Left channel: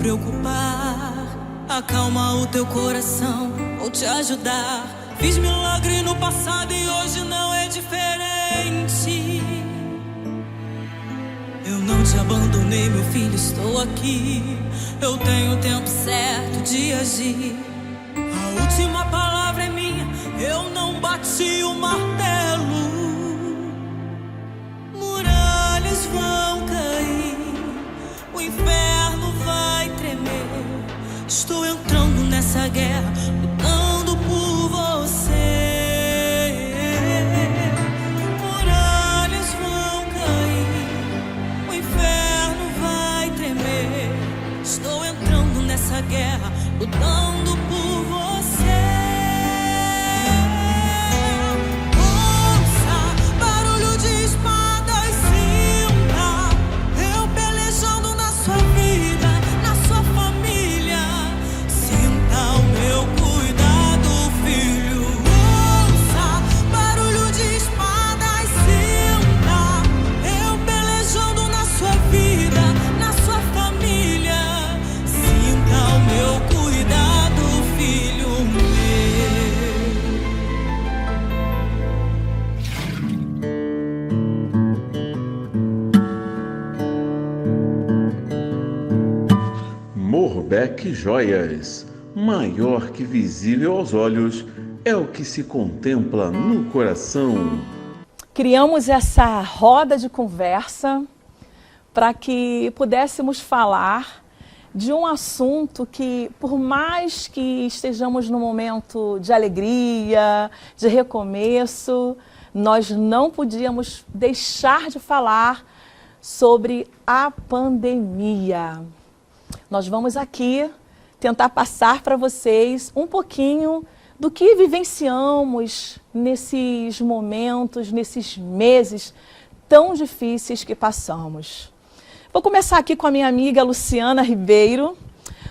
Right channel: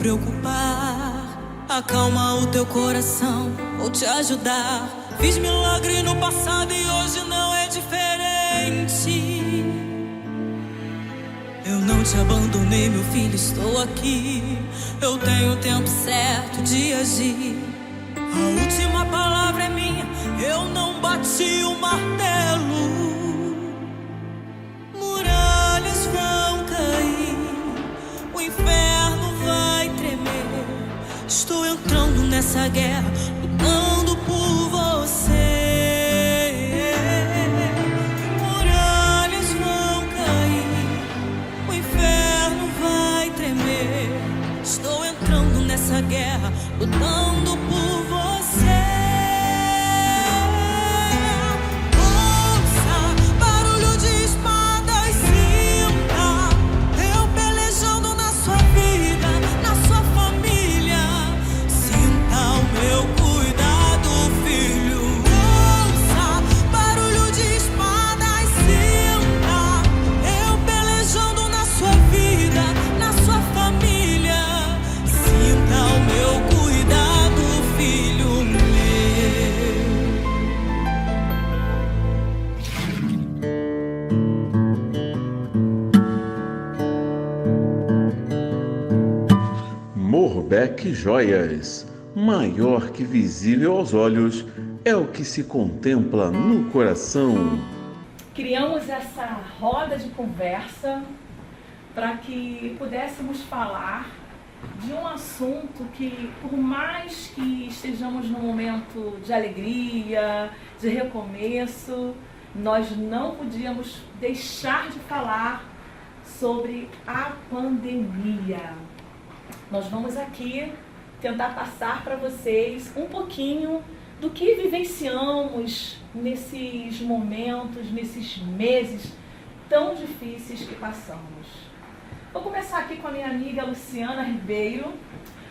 preocupar. Acalma o teu coração, vou te ajudar. Fiz milagre no passado e hoje não é diferente. Eu não te abandonei, meu filho, estou aqui. Eu tenho o tempo certo de agir. A última palavra é minha, eu não bati o martelo. Muralhas vão cair, o inferno vai tremer. Estou entrando nessa guerra, lutando por você. Muralhas vão cair, o inferno vai tremer. Estou entrando nessa guerra, lutando por você. Ouça barulho de espadas, sinta eu pelejando na sua vida, na sua família. Sinta o meu cuidado, filho. Ouça barulho de espadas, sinta eu pelejando na sua vida, na sua família. Sinta o meu cuidado, filho meu. Morbeck Joias. Maior que visível aos olhos é o que se contempla no coração. Criamos essa roda de conversa para que pudéssemos falar de um assunto que, por mais que estejamos num momento de alegria, de recomeço, nós não podíamos deixar de falar sobre a pandemia. Nós vamos aqui tentar passar para vocês um pouquinho do que vivenciamos nesses momentos, nesses meses tão difíceis que passamos. Vou começar aqui com a minha amiga Luciana Ribeiro.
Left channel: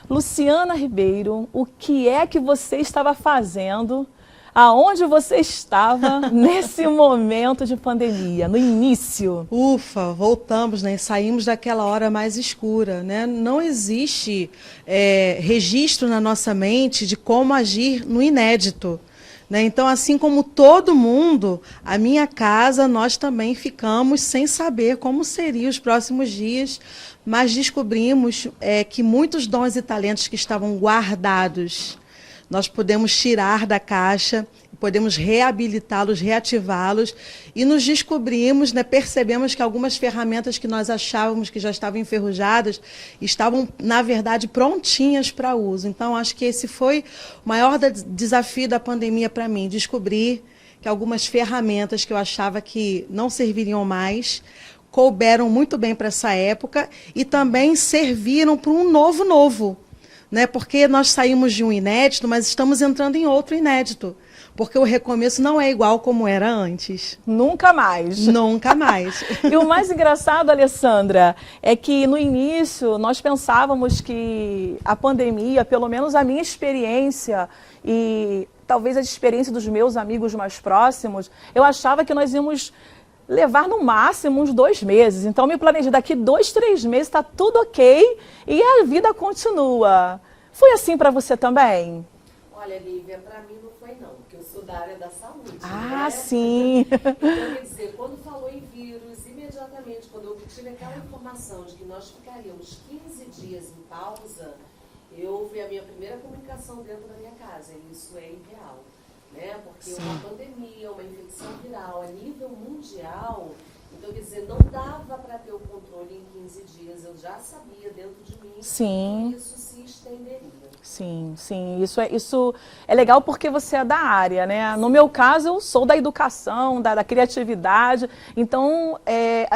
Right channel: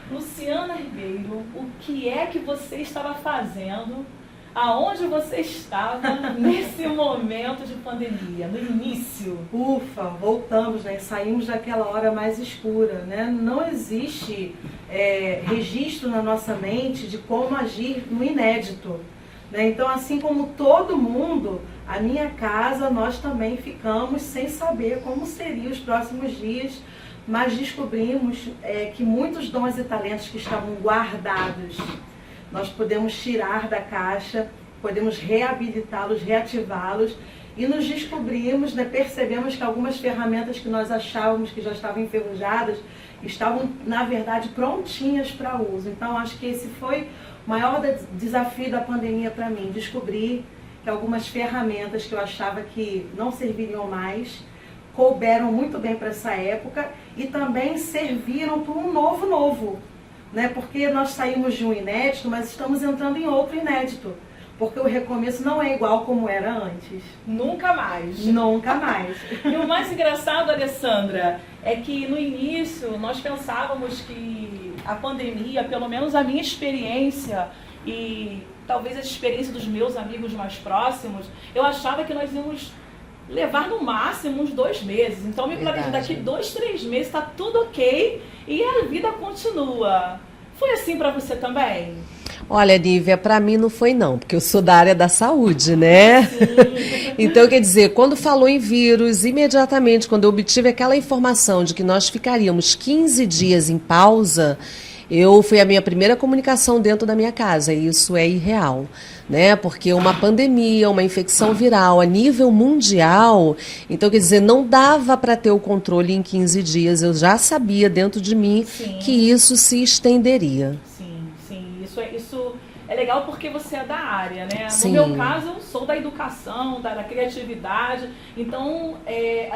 Luciana Ribeiro, o que é que você estava fazendo? Aonde você estava nesse momento de pandemia, no início? Ufa, voltamos, né? Saímos daquela hora mais escura, né? Não existe registro na nossa mente de como agir no inédito, né? Então, assim como todo mundo, a minha casa, nós também ficamos sem saber como seriam os próximos dias, mas descobrimos que muitos dons e talentos que estavam guardados, nós podemos tirar da caixa, podemos reabilitá-los, reativá-los e nos descobrimos, né, percebemos que algumas ferramentas que nós achávamos que já estavam enferrujadas estavam, na verdade, prontinhas para uso. Então, acho que esse foi o maior desafio da pandemia para mim, descobrir que algumas ferramentas que eu achava que não serviriam mais couberam muito bem para essa época e também serviram para um novo. Né? Porque nós saímos de um inédito, mas estamos entrando em outro inédito. Porque o recomeço não é igual como era antes. Nunca mais. Nunca mais. E o mais engraçado, Alessandra, é que no início nós pensávamos que a pandemia, pelo menos a minha experiência e talvez a experiência dos meus amigos mais próximos, eu achava que nós íamos levar no máximo uns 2 meses. Então me planejei, daqui 2, 3 meses está tudo ok e a vida continua. Foi assim para você também? Olha, Nívia, para mim não foi não, porque eu sou da área da saúde, né? Sim. Então, quer dizer, quando falou em vírus, imediatamente, quando eu obtive aquela informação de que nós ficaríamos 15 dias em pausa, foi a minha primeira comunicação dentro da minha casa, e isso é irreal, né? Porque uma pandemia, uma infecção viral a nível mundial, então, quer dizer, não dava para ter o controle em 15 dias, eu já sabia dentro de mim que isso se estenderia. Sim, isso é legal porque você é da área, né? No meu caso, eu sou da educação, da criatividade, então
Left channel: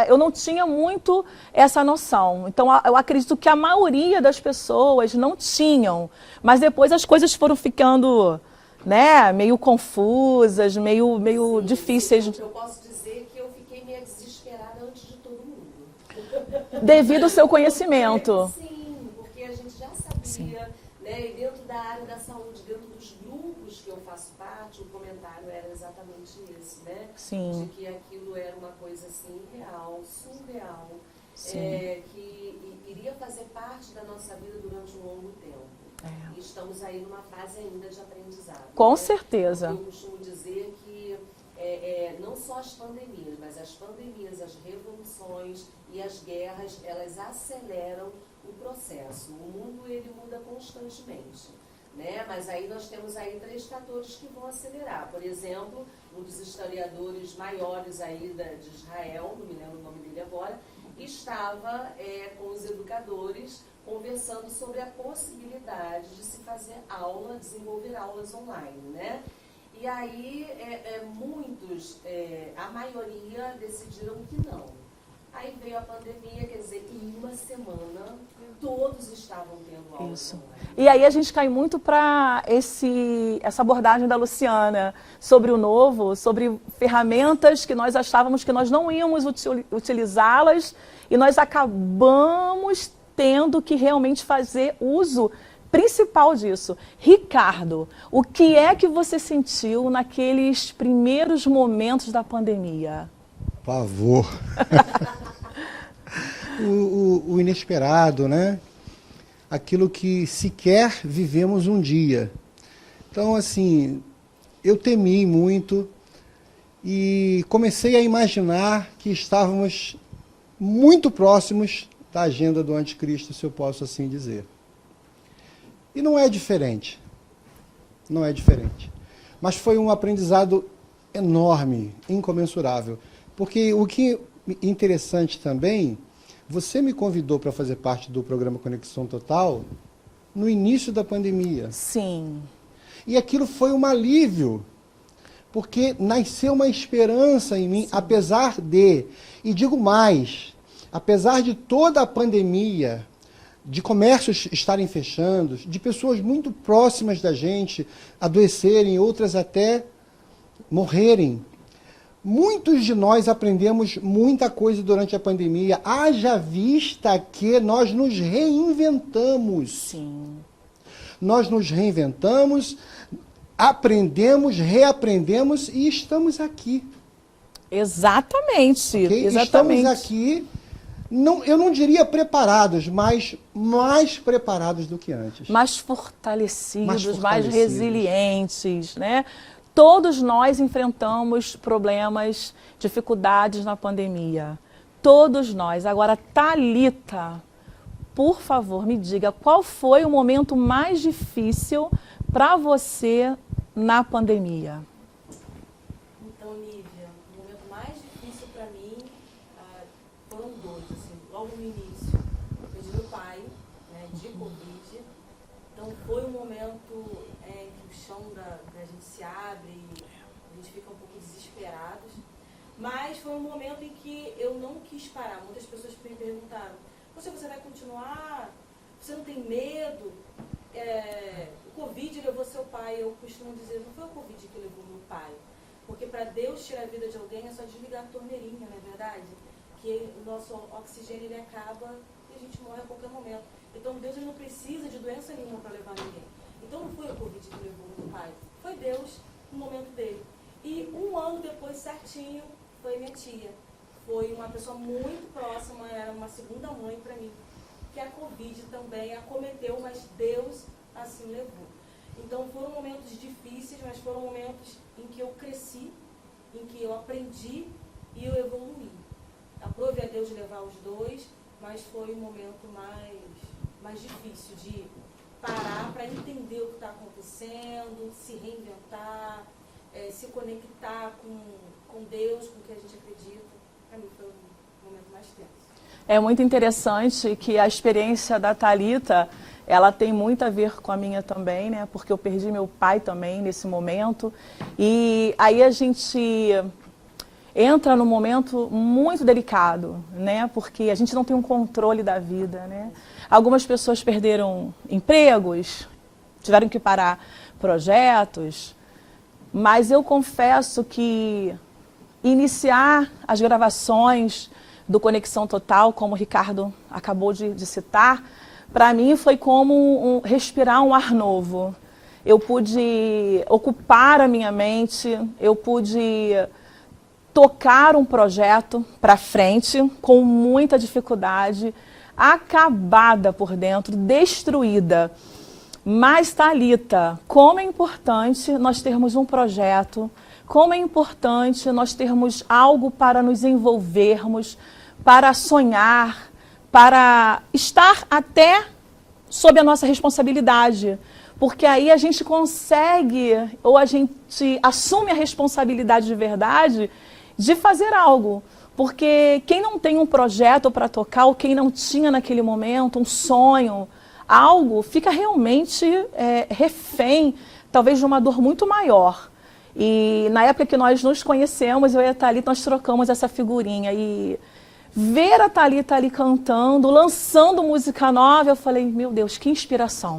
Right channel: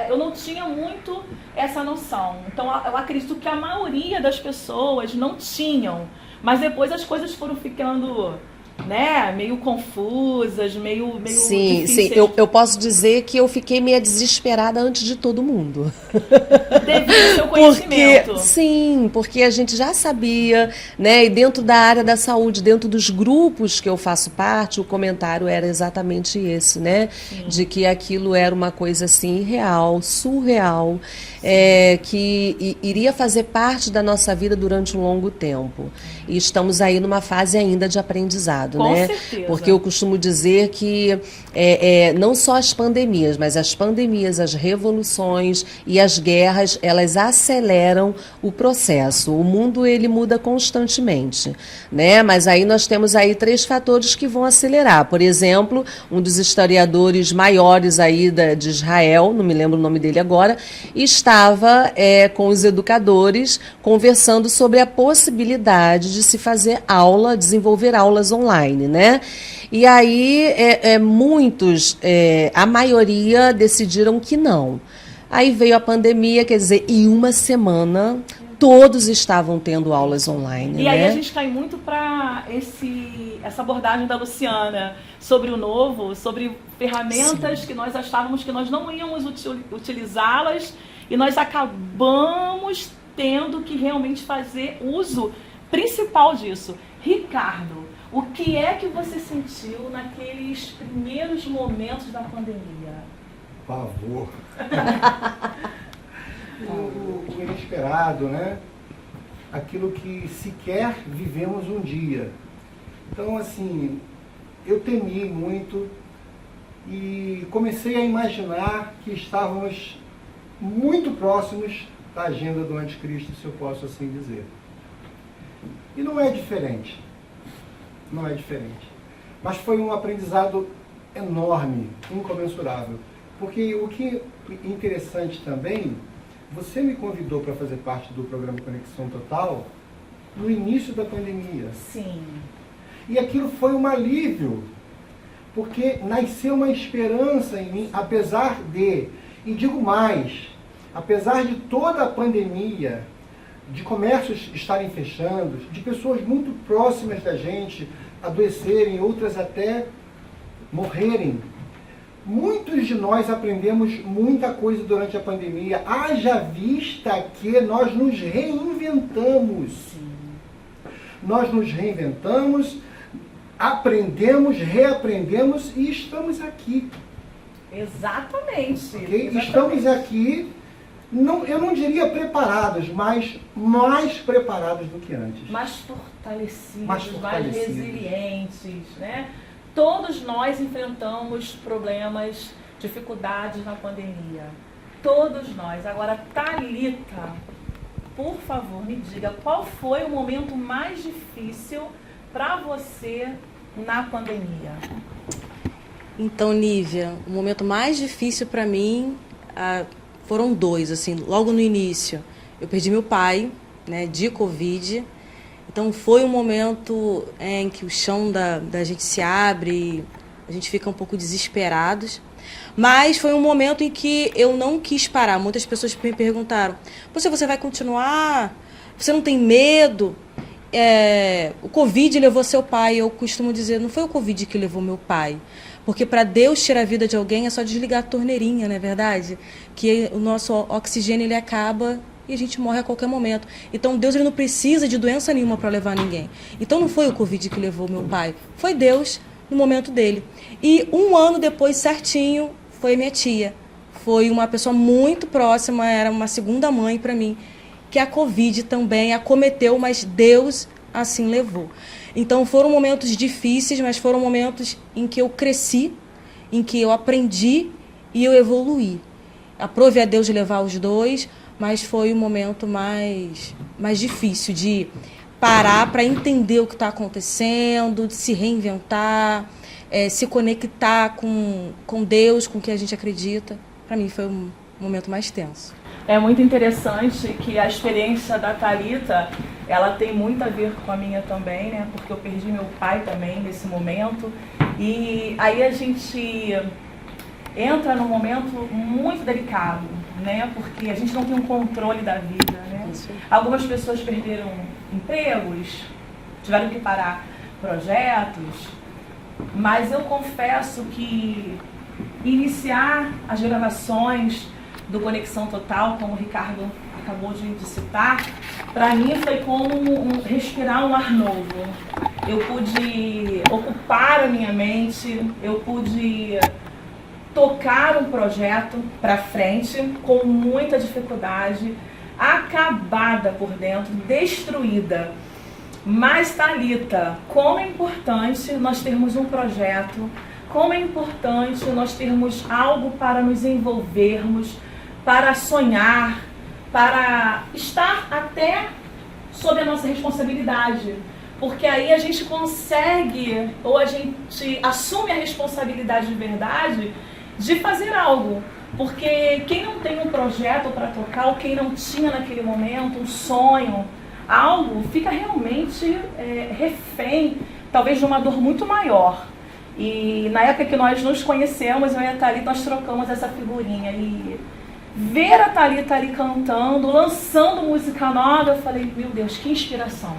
eu não tinha muito essa noção. Então, eu acredito que a maioria das pessoas não tinham, mas depois as coisas foram ficando né, meio confusas, meio Sim, difíceis. sim. Eu posso dizer que eu fiquei meio desesperada antes de todo mundo. Devido ao seu conhecimento. Sim, porque a gente já sabia, né? E dentro da área da saúde, dentro dos grupos que eu faço parte, o comentário era exatamente esse, né? Sim. De que aquilo era uma coisa assim irreal, surreal, que iria fazer parte da nossa vida durante um longo tempo. E estamos aí numa fase ainda de aprendizado, Com né? certeza. Porque eu costumo dizer que não só as pandemias, mas as pandemias, as revoluções e as guerras, elas aceleram o processo. O mundo, ele muda constantemente, né? Mas aí nós temos aí 3 fatores que vão acelerar. Por exemplo, um dos historiadores maiores aí de Israel, não me lembro o nome dele agora, estava com os educadores conversando sobre a possibilidade de se fazer aula, desenvolver aulas online, né? E aí muitos, a maioria decidiram que não. Aí veio a pandemia, quer dizer, em uma semana todos estavam tendo aulas online. E aí a gente cai muito para essa abordagem da Luciana sobre o novo, sobre ferramentas que nós achávamos que nós não íamos utilizá-las e nós acabamos tendo que realmente fazer uso principal disso. Ricardo, o que é que você sentiu naqueles primeiros momentos da pandemia? Pavor. o inesperado, né? Aquilo que sequer vivemos um dia. Então, assim, eu temi muito e comecei a imaginar que estávamos muito próximos da agenda do anticristo, se eu posso assim dizer. E não é diferente. Não é diferente. Mas foi um aprendizado enorme, incomensurável. Porque o que é interessante também, você me convidou para fazer parte do programa Conexão Total no início da pandemia. Sim. E aquilo foi um alívio, porque nasceu uma esperança em mim, apesar de, e digo mais, apesar de toda a pandemia, de comércios estarem fechando, de pessoas muito próximas da gente adoecerem, outras até morrerem. Muitos de nós aprendemos muita coisa durante a pandemia, haja vista que nós nos reinventamos. Sim. Nós nos reinventamos, aprendemos, reaprendemos e estamos aqui. Exatamente. Okay? Exatamente. Estamos aqui, eu não diria preparados, mas mais preparados do que antes. Mais fortalecidos, Mais mais resilientes, né? Todos nós enfrentamos problemas, dificuldades na pandemia. Todos nós. Agora, Thalita, por favor, me diga, qual foi o momento mais difícil para você na pandemia? Então, Nívia, o momento mais difícil para mim foram 2, assim, logo no início. Eu perdi meu pai, né, de Covid. Então, foi um momento em que o chão da gente se abre e a gente fica um pouco desesperados. Mas foi um momento em que eu não quis parar. Muitas pessoas me perguntaram, você vai continuar? Você não tem medo? O Covid levou seu pai. Eu costumo dizer, não foi o Covid que levou meu pai. Porque para Deus tirar a vida de alguém é só desligar a torneirinha, não é verdade? Que o nosso oxigênio ele acaba e a gente morre a qualquer momento. Então Deus ele não precisa de doença nenhuma para levar ninguém. Então não foi o Covid que levou meu pai, foi Deus no momento dele. E 1 ano depois, certinho, foi minha tia. Foi uma pessoa muito próxima, era uma segunda mãe para mim, que a Covid também acometeu, mas Deus assim levou. Então foram momentos difíceis, mas foram momentos em que eu cresci, em que eu aprendi e eu evoluí. Aprove a Deus de levar os 2, mas foi o momento mais difícil de parar para entender o que está acontecendo, de se reinventar, se conectar com Deus, com o que a gente acredita. Para mim foi um momento mais tenso. É muito interessante que a experiência da Thalita, ela tem muito a ver com a minha também, né? Porque eu perdi meu pai também nesse momento. E aí a gente entra num momento muito delicado, né? Porque a gente não tem um controle da vida, né? Algumas pessoas perderam empregos, tiveram que parar projetos, mas eu confesso que iniciar as gravações do Conexão Total, como o Ricardo acabou de citar, para mim foi como respirar um ar novo. Eu pude ocupar a minha mente, eu pude tocar um projeto para frente com muita dificuldade, acabada por dentro, destruída. Mas, Thalita, como é importante nós termos um projeto, como é importante nós termos algo para nos envolvermos, para sonhar, para estar até sob a nossa responsabilidade. Porque aí a gente consegue, ou a gente assume a responsabilidade de verdade de fazer algo. Porque quem não tem um projeto para tocar, ou quem não tinha naquele momento um sonho, algo, fica realmente refém, talvez de uma dor muito maior. E na época que nós nos conhecemos, eu e a Thalita, nós trocamos essa figurinha. E ver a Thalita ali cantando, lançando música nova, eu falei, meu Deus, que inspiração.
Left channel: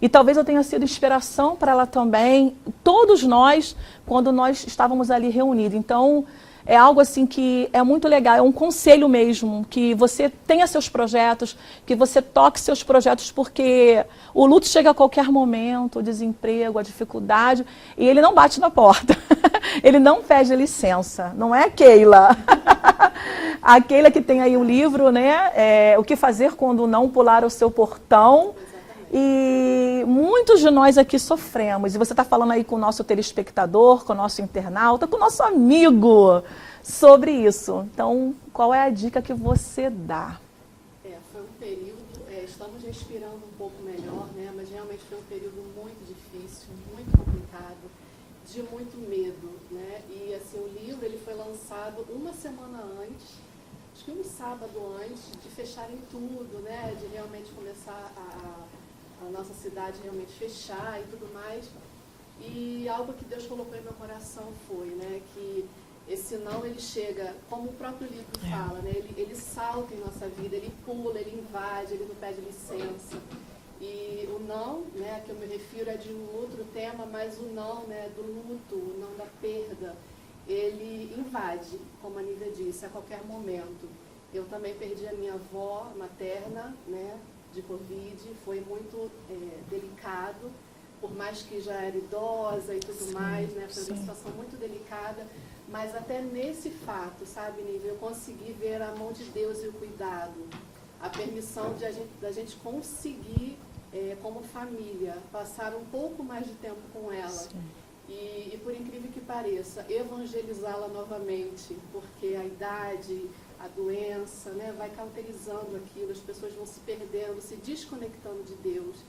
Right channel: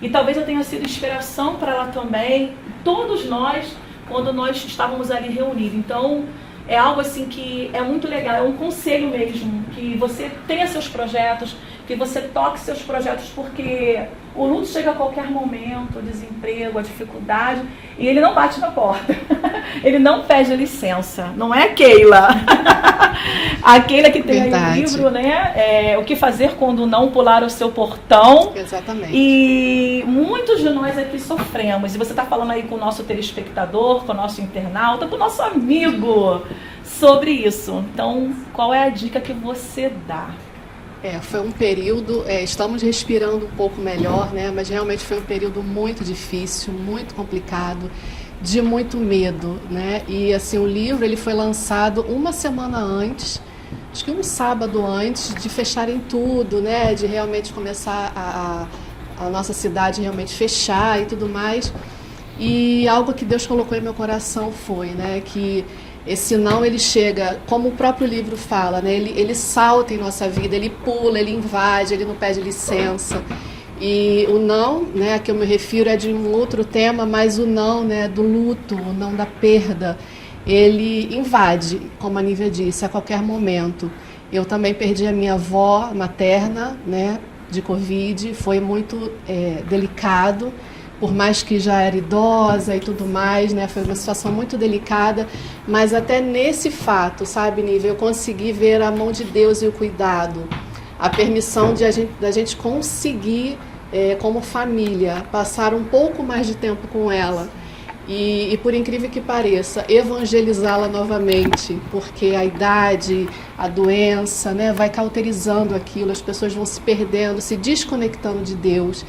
E talvez eu tenha sido inspiração para ela também, todos nós, quando nós estávamos ali reunidos. Então, é algo assim que é muito legal, é um conselho mesmo, que você tenha seus projetos, que você toque seus projetos, porque o luto chega a qualquer momento, o desemprego, a dificuldade, e ele não bate na porta, ele não pede licença, não é Keila? A Keila que tem aí o livro, né? O que fazer quando não pular o seu portão. Exatamente. E muitos de nós aqui sofremos, e você está falando aí com o nosso telespectador, com o nosso internauta, com o nosso amigo sobre isso. Então, qual é a dica que você dá? Foi um período, estamos respirando um pouco melhor, né? Mas realmente foi um período muito difícil, muito complicado, de muito medo, né? E assim, o livro ele foi lançado uma semana antes, acho que um sábado antes de fecharem tudo, né? De realmente começar a nossa cidade realmente fechar e tudo mais. E algo que Deus colocou em meu coração foi, né? Que esse não, ele chega, como o próprio livro fala, né? Ele salta em nossa vida, ele pula, ele invade, ele não pede licença. E o não, né, a que eu me refiro é de um outro tema, mas o não, né, do luto, o não da perda, ele invade, como a Nívia disse, a qualquer momento. Eu também perdi a minha avó materna, né, de Covid, foi muito delicado. Por mais que já era idosa e tudo mais, né? Foi uma situação muito delicada, mas até nesse fato, sabe, Nívia, eu consegui ver a mão de Deus e o cuidado, a permissão da gente conseguir, como família, passar um pouco mais de tempo com ela e por incrível que pareça, evangelizá-la novamente, porque a idade, a doença, né, vai cauterizando aquilo, as pessoas vão se perdendo, se desconectando de Deus.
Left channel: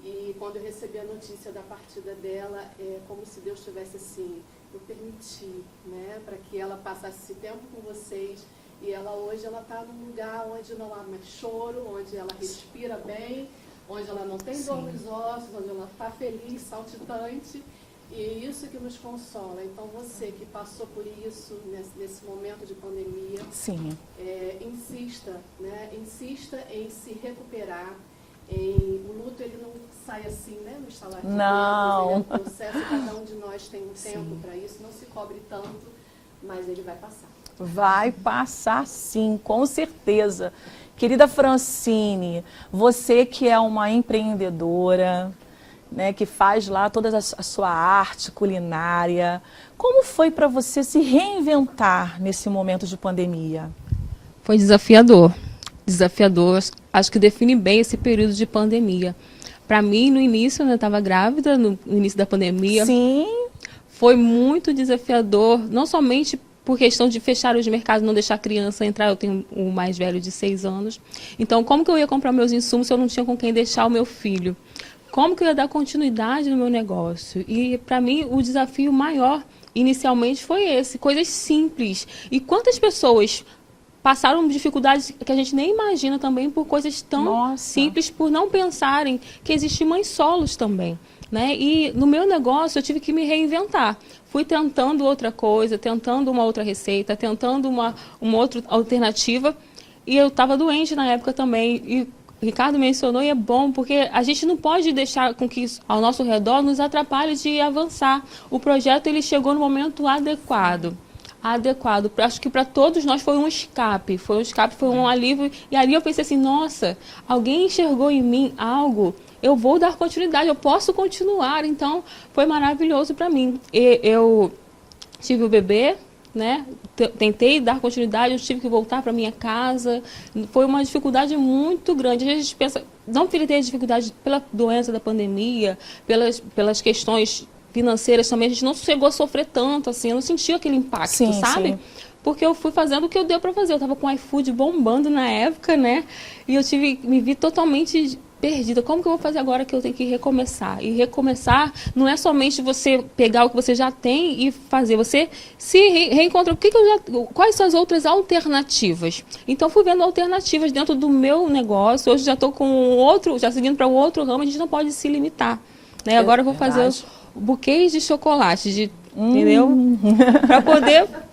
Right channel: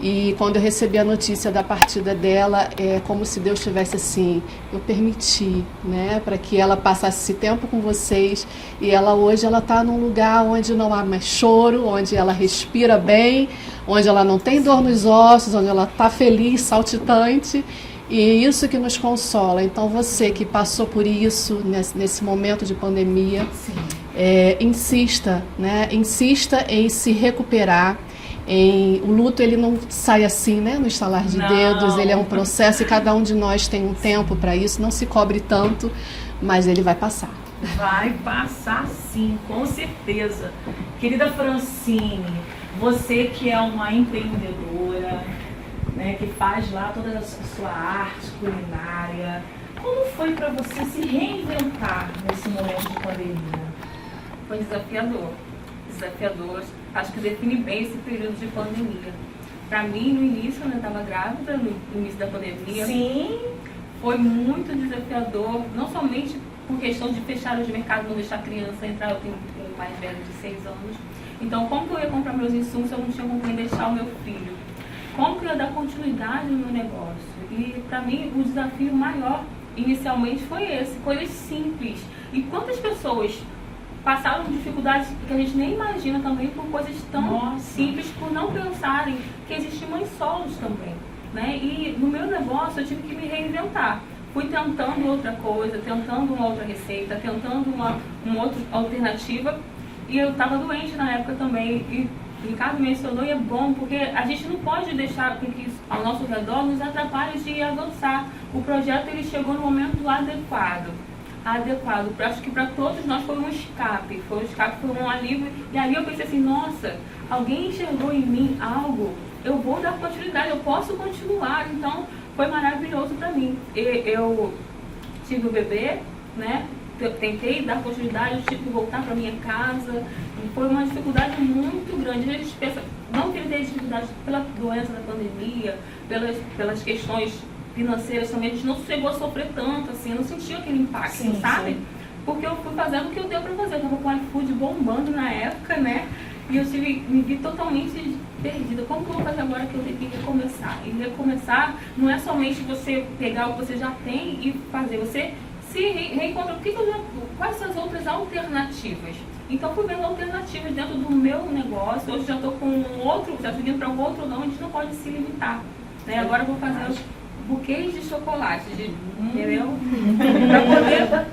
E quando eu recebi a notícia da partida dela, é como se Deus tivesse assim, eu permiti, né, para que ela passasse esse tempo com vocês. E ela hoje ela está num lugar onde não há mais choro, onde ela respira bem, onde ela não tem dor nos ossos, onde ela está feliz, saltitante. E isso que nos consola. Então você que passou por isso nesse momento de pandemia, insista, né, insista em se recuperar. O luto ele não sai assim, né, no estalar de dedos, ele é um processo e cada um de nós tem um tempo para isso, não se cobre tanto, mas ele vai passar. Vai passar sim, com certeza. Querida Francine, você que é uma empreendedora, né, que faz lá toda a sua arte culinária, como foi para você se reinventar nesse momento de pandemia? Foi desafiador. Desafiador, acho que define bem esse período de pandemia. Para mim, no início, eu estava grávida, no início da pandemia. Sim. Foi muito desafiador, não somente por questão de fechar os mercados, não deixar a criança entrar, eu tenho um mais velho de 6 anos. Então, como que eu ia comprar meus insumos se eu não tinha com quem deixar o meu filho? Como que eu ia dar continuidade no meu negócio? E, para mim, o desafio maior, inicialmente, foi esse, coisas simples. E quantas pessoas passaram dificuldades que a gente nem imagina também por coisas tão simples, por não pensarem que existem mães solos também, né? E no meu negócio eu tive que me reinventar. Fui tentando outra coisa, tentando uma outra receita, tentando uma outra alternativa. E eu estava doente na época também. E o Ricardo mencionou e é bom, porque a gente não pode deixar com que ao nosso redor nos atrapalhe de avançar. O projeto ele chegou no momento adequado. Acho que para todos nós foi um escape, foi um alívio. E ali eu pensei assim, nossa, alguém enxergou em mim algo, eu vou dar continuidade, eu posso continuar. Então, foi maravilhoso para mim. Eu tive o bebê, né? Tentei dar continuidade, eu tive que voltar para minha casa. Foi uma dificuldade muito grande. A gente pensa, não que ele tenha dificuldade pela doença da pandemia, pelas questões financeiras também, a gente não chegou a sofrer tanto, assim, eu não senti aquele impacto, Sim, sabe? sim. Porque eu fui fazendo o que eu deu para fazer. Eu tava com o iFood bombando na época, né? E eu me vi totalmente perdida. Como que eu vou fazer agora que eu tenho que recomeçar? E recomeçar não é somente você pegar o que você já tem e fazer. Você se reencontra. Quais são as outras alternativas? Então, fui vendo alternativas dentro do meu negócio. Hoje já estou com outro, já seguindo para o outro ramo. A gente não pode se limitar, né? Agora eu vou fazer buquês de chocolate, entendeu? Para poder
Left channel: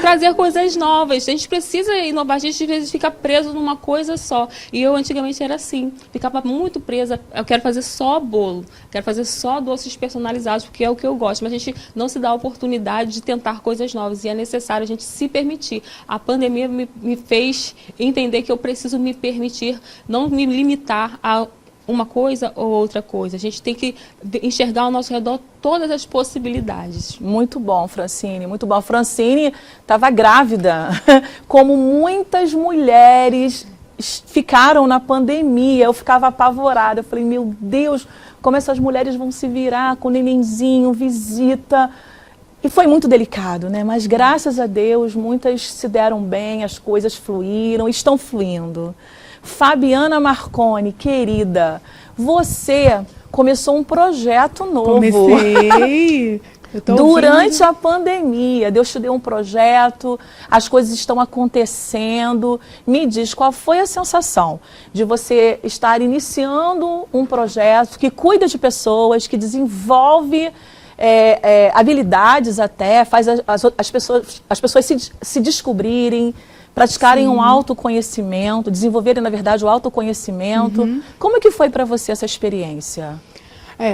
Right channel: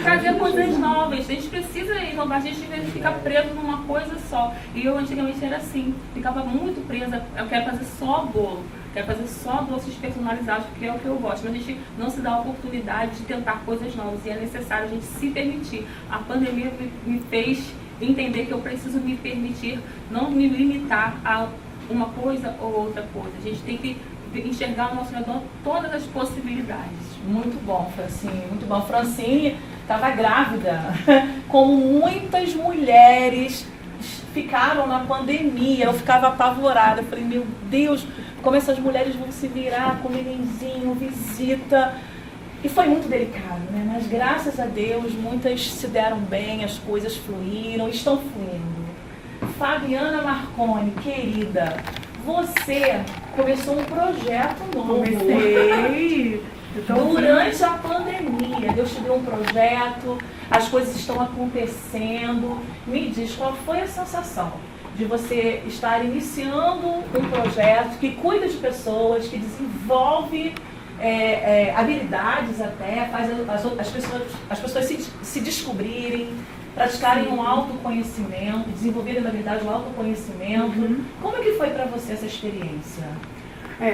trazer coisas novas. A gente precisa inovar, a gente às vezes fica preso numa coisa só. E eu antigamente era assim, ficava muito presa. Eu quero fazer só bolo, quero fazer só doces personalizados, porque é o que eu gosto. Mas a gente não se dá a oportunidade de tentar coisas novas. E é necessário a gente se permitir. A pandemia me fez entender que eu preciso me permitir, não me limitar a uma coisa ou outra coisa. A gente tem que enxergar ao nosso redor todas as possibilidades. Muito bom, Francine, muito bom. Francine estava grávida, como muitas mulheres ficaram na pandemia. Eu ficava apavorada. Eu falei, meu Deus, como essas mulheres vão se virar com nenenzinho, visita. E foi muito delicado, né? Mas graças a Deus, muitas se deram bem, as coisas fluíram, estão fluindo. Fabiana Marconi, querida, você começou um projeto novo. Comecei. Durante a pandemia, Deus te deu um projeto, as coisas estão acontecendo. Me diz, qual foi a sensação de você estar iniciando um projeto que cuida de pessoas, que desenvolve habilidades até, faz as pessoas se descobrirem, praticarem um autoconhecimento, desenvolverem, na verdade, o autoconhecimento. Uhum. Como é que foi para você essa experiência?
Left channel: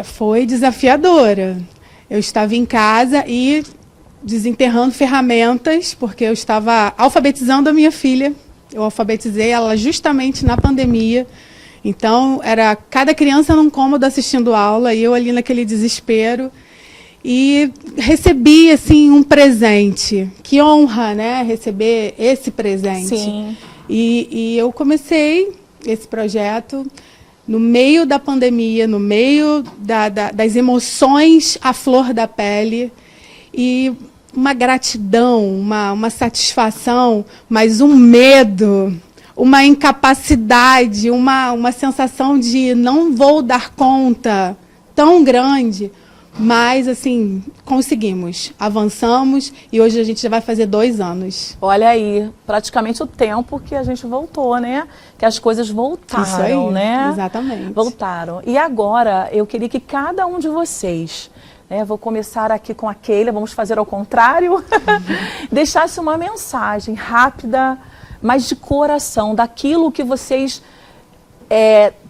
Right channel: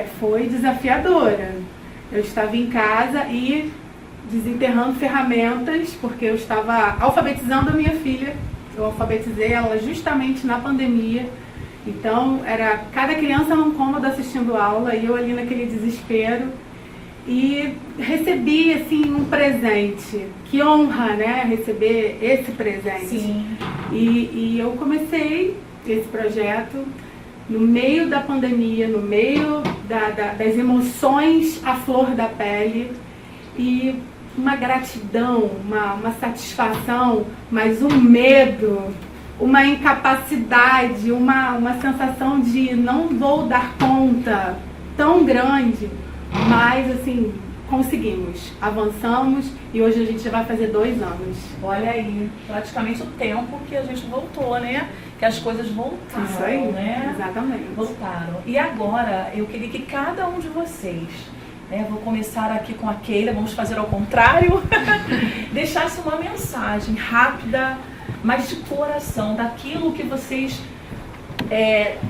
Foi desafiadora. Eu estava em casa e desenterrando ferramentas, porque eu estava alfabetizando a minha filha. Eu alfabetizei ela justamente na pandemia. Então, era cada criança num cômodo assistindo aula e eu ali naquele desespero. E recebi, assim, um presente. Que honra, né? Receber esse presente. Sim. E eu comecei esse projeto no meio da pandemia, no meio das emoções à flor da pele. E uma gratidão, uma satisfação, mas um medo, uma incapacidade, uma sensação de não vou dar conta tão grande. Mas, assim, conseguimos, avançamos e hoje a gente já vai fazer 2 anos. Olha aí, praticamente o tempo que a gente voltou, né? Que as coisas voltaram, Isso aí, né? Exatamente. Voltaram. E agora, eu queria que cada um de vocês, né? Vou começar aqui com a Keila, vamos fazer ao contrário, deixasse uma mensagem rápida, mas de coração, daquilo que vocês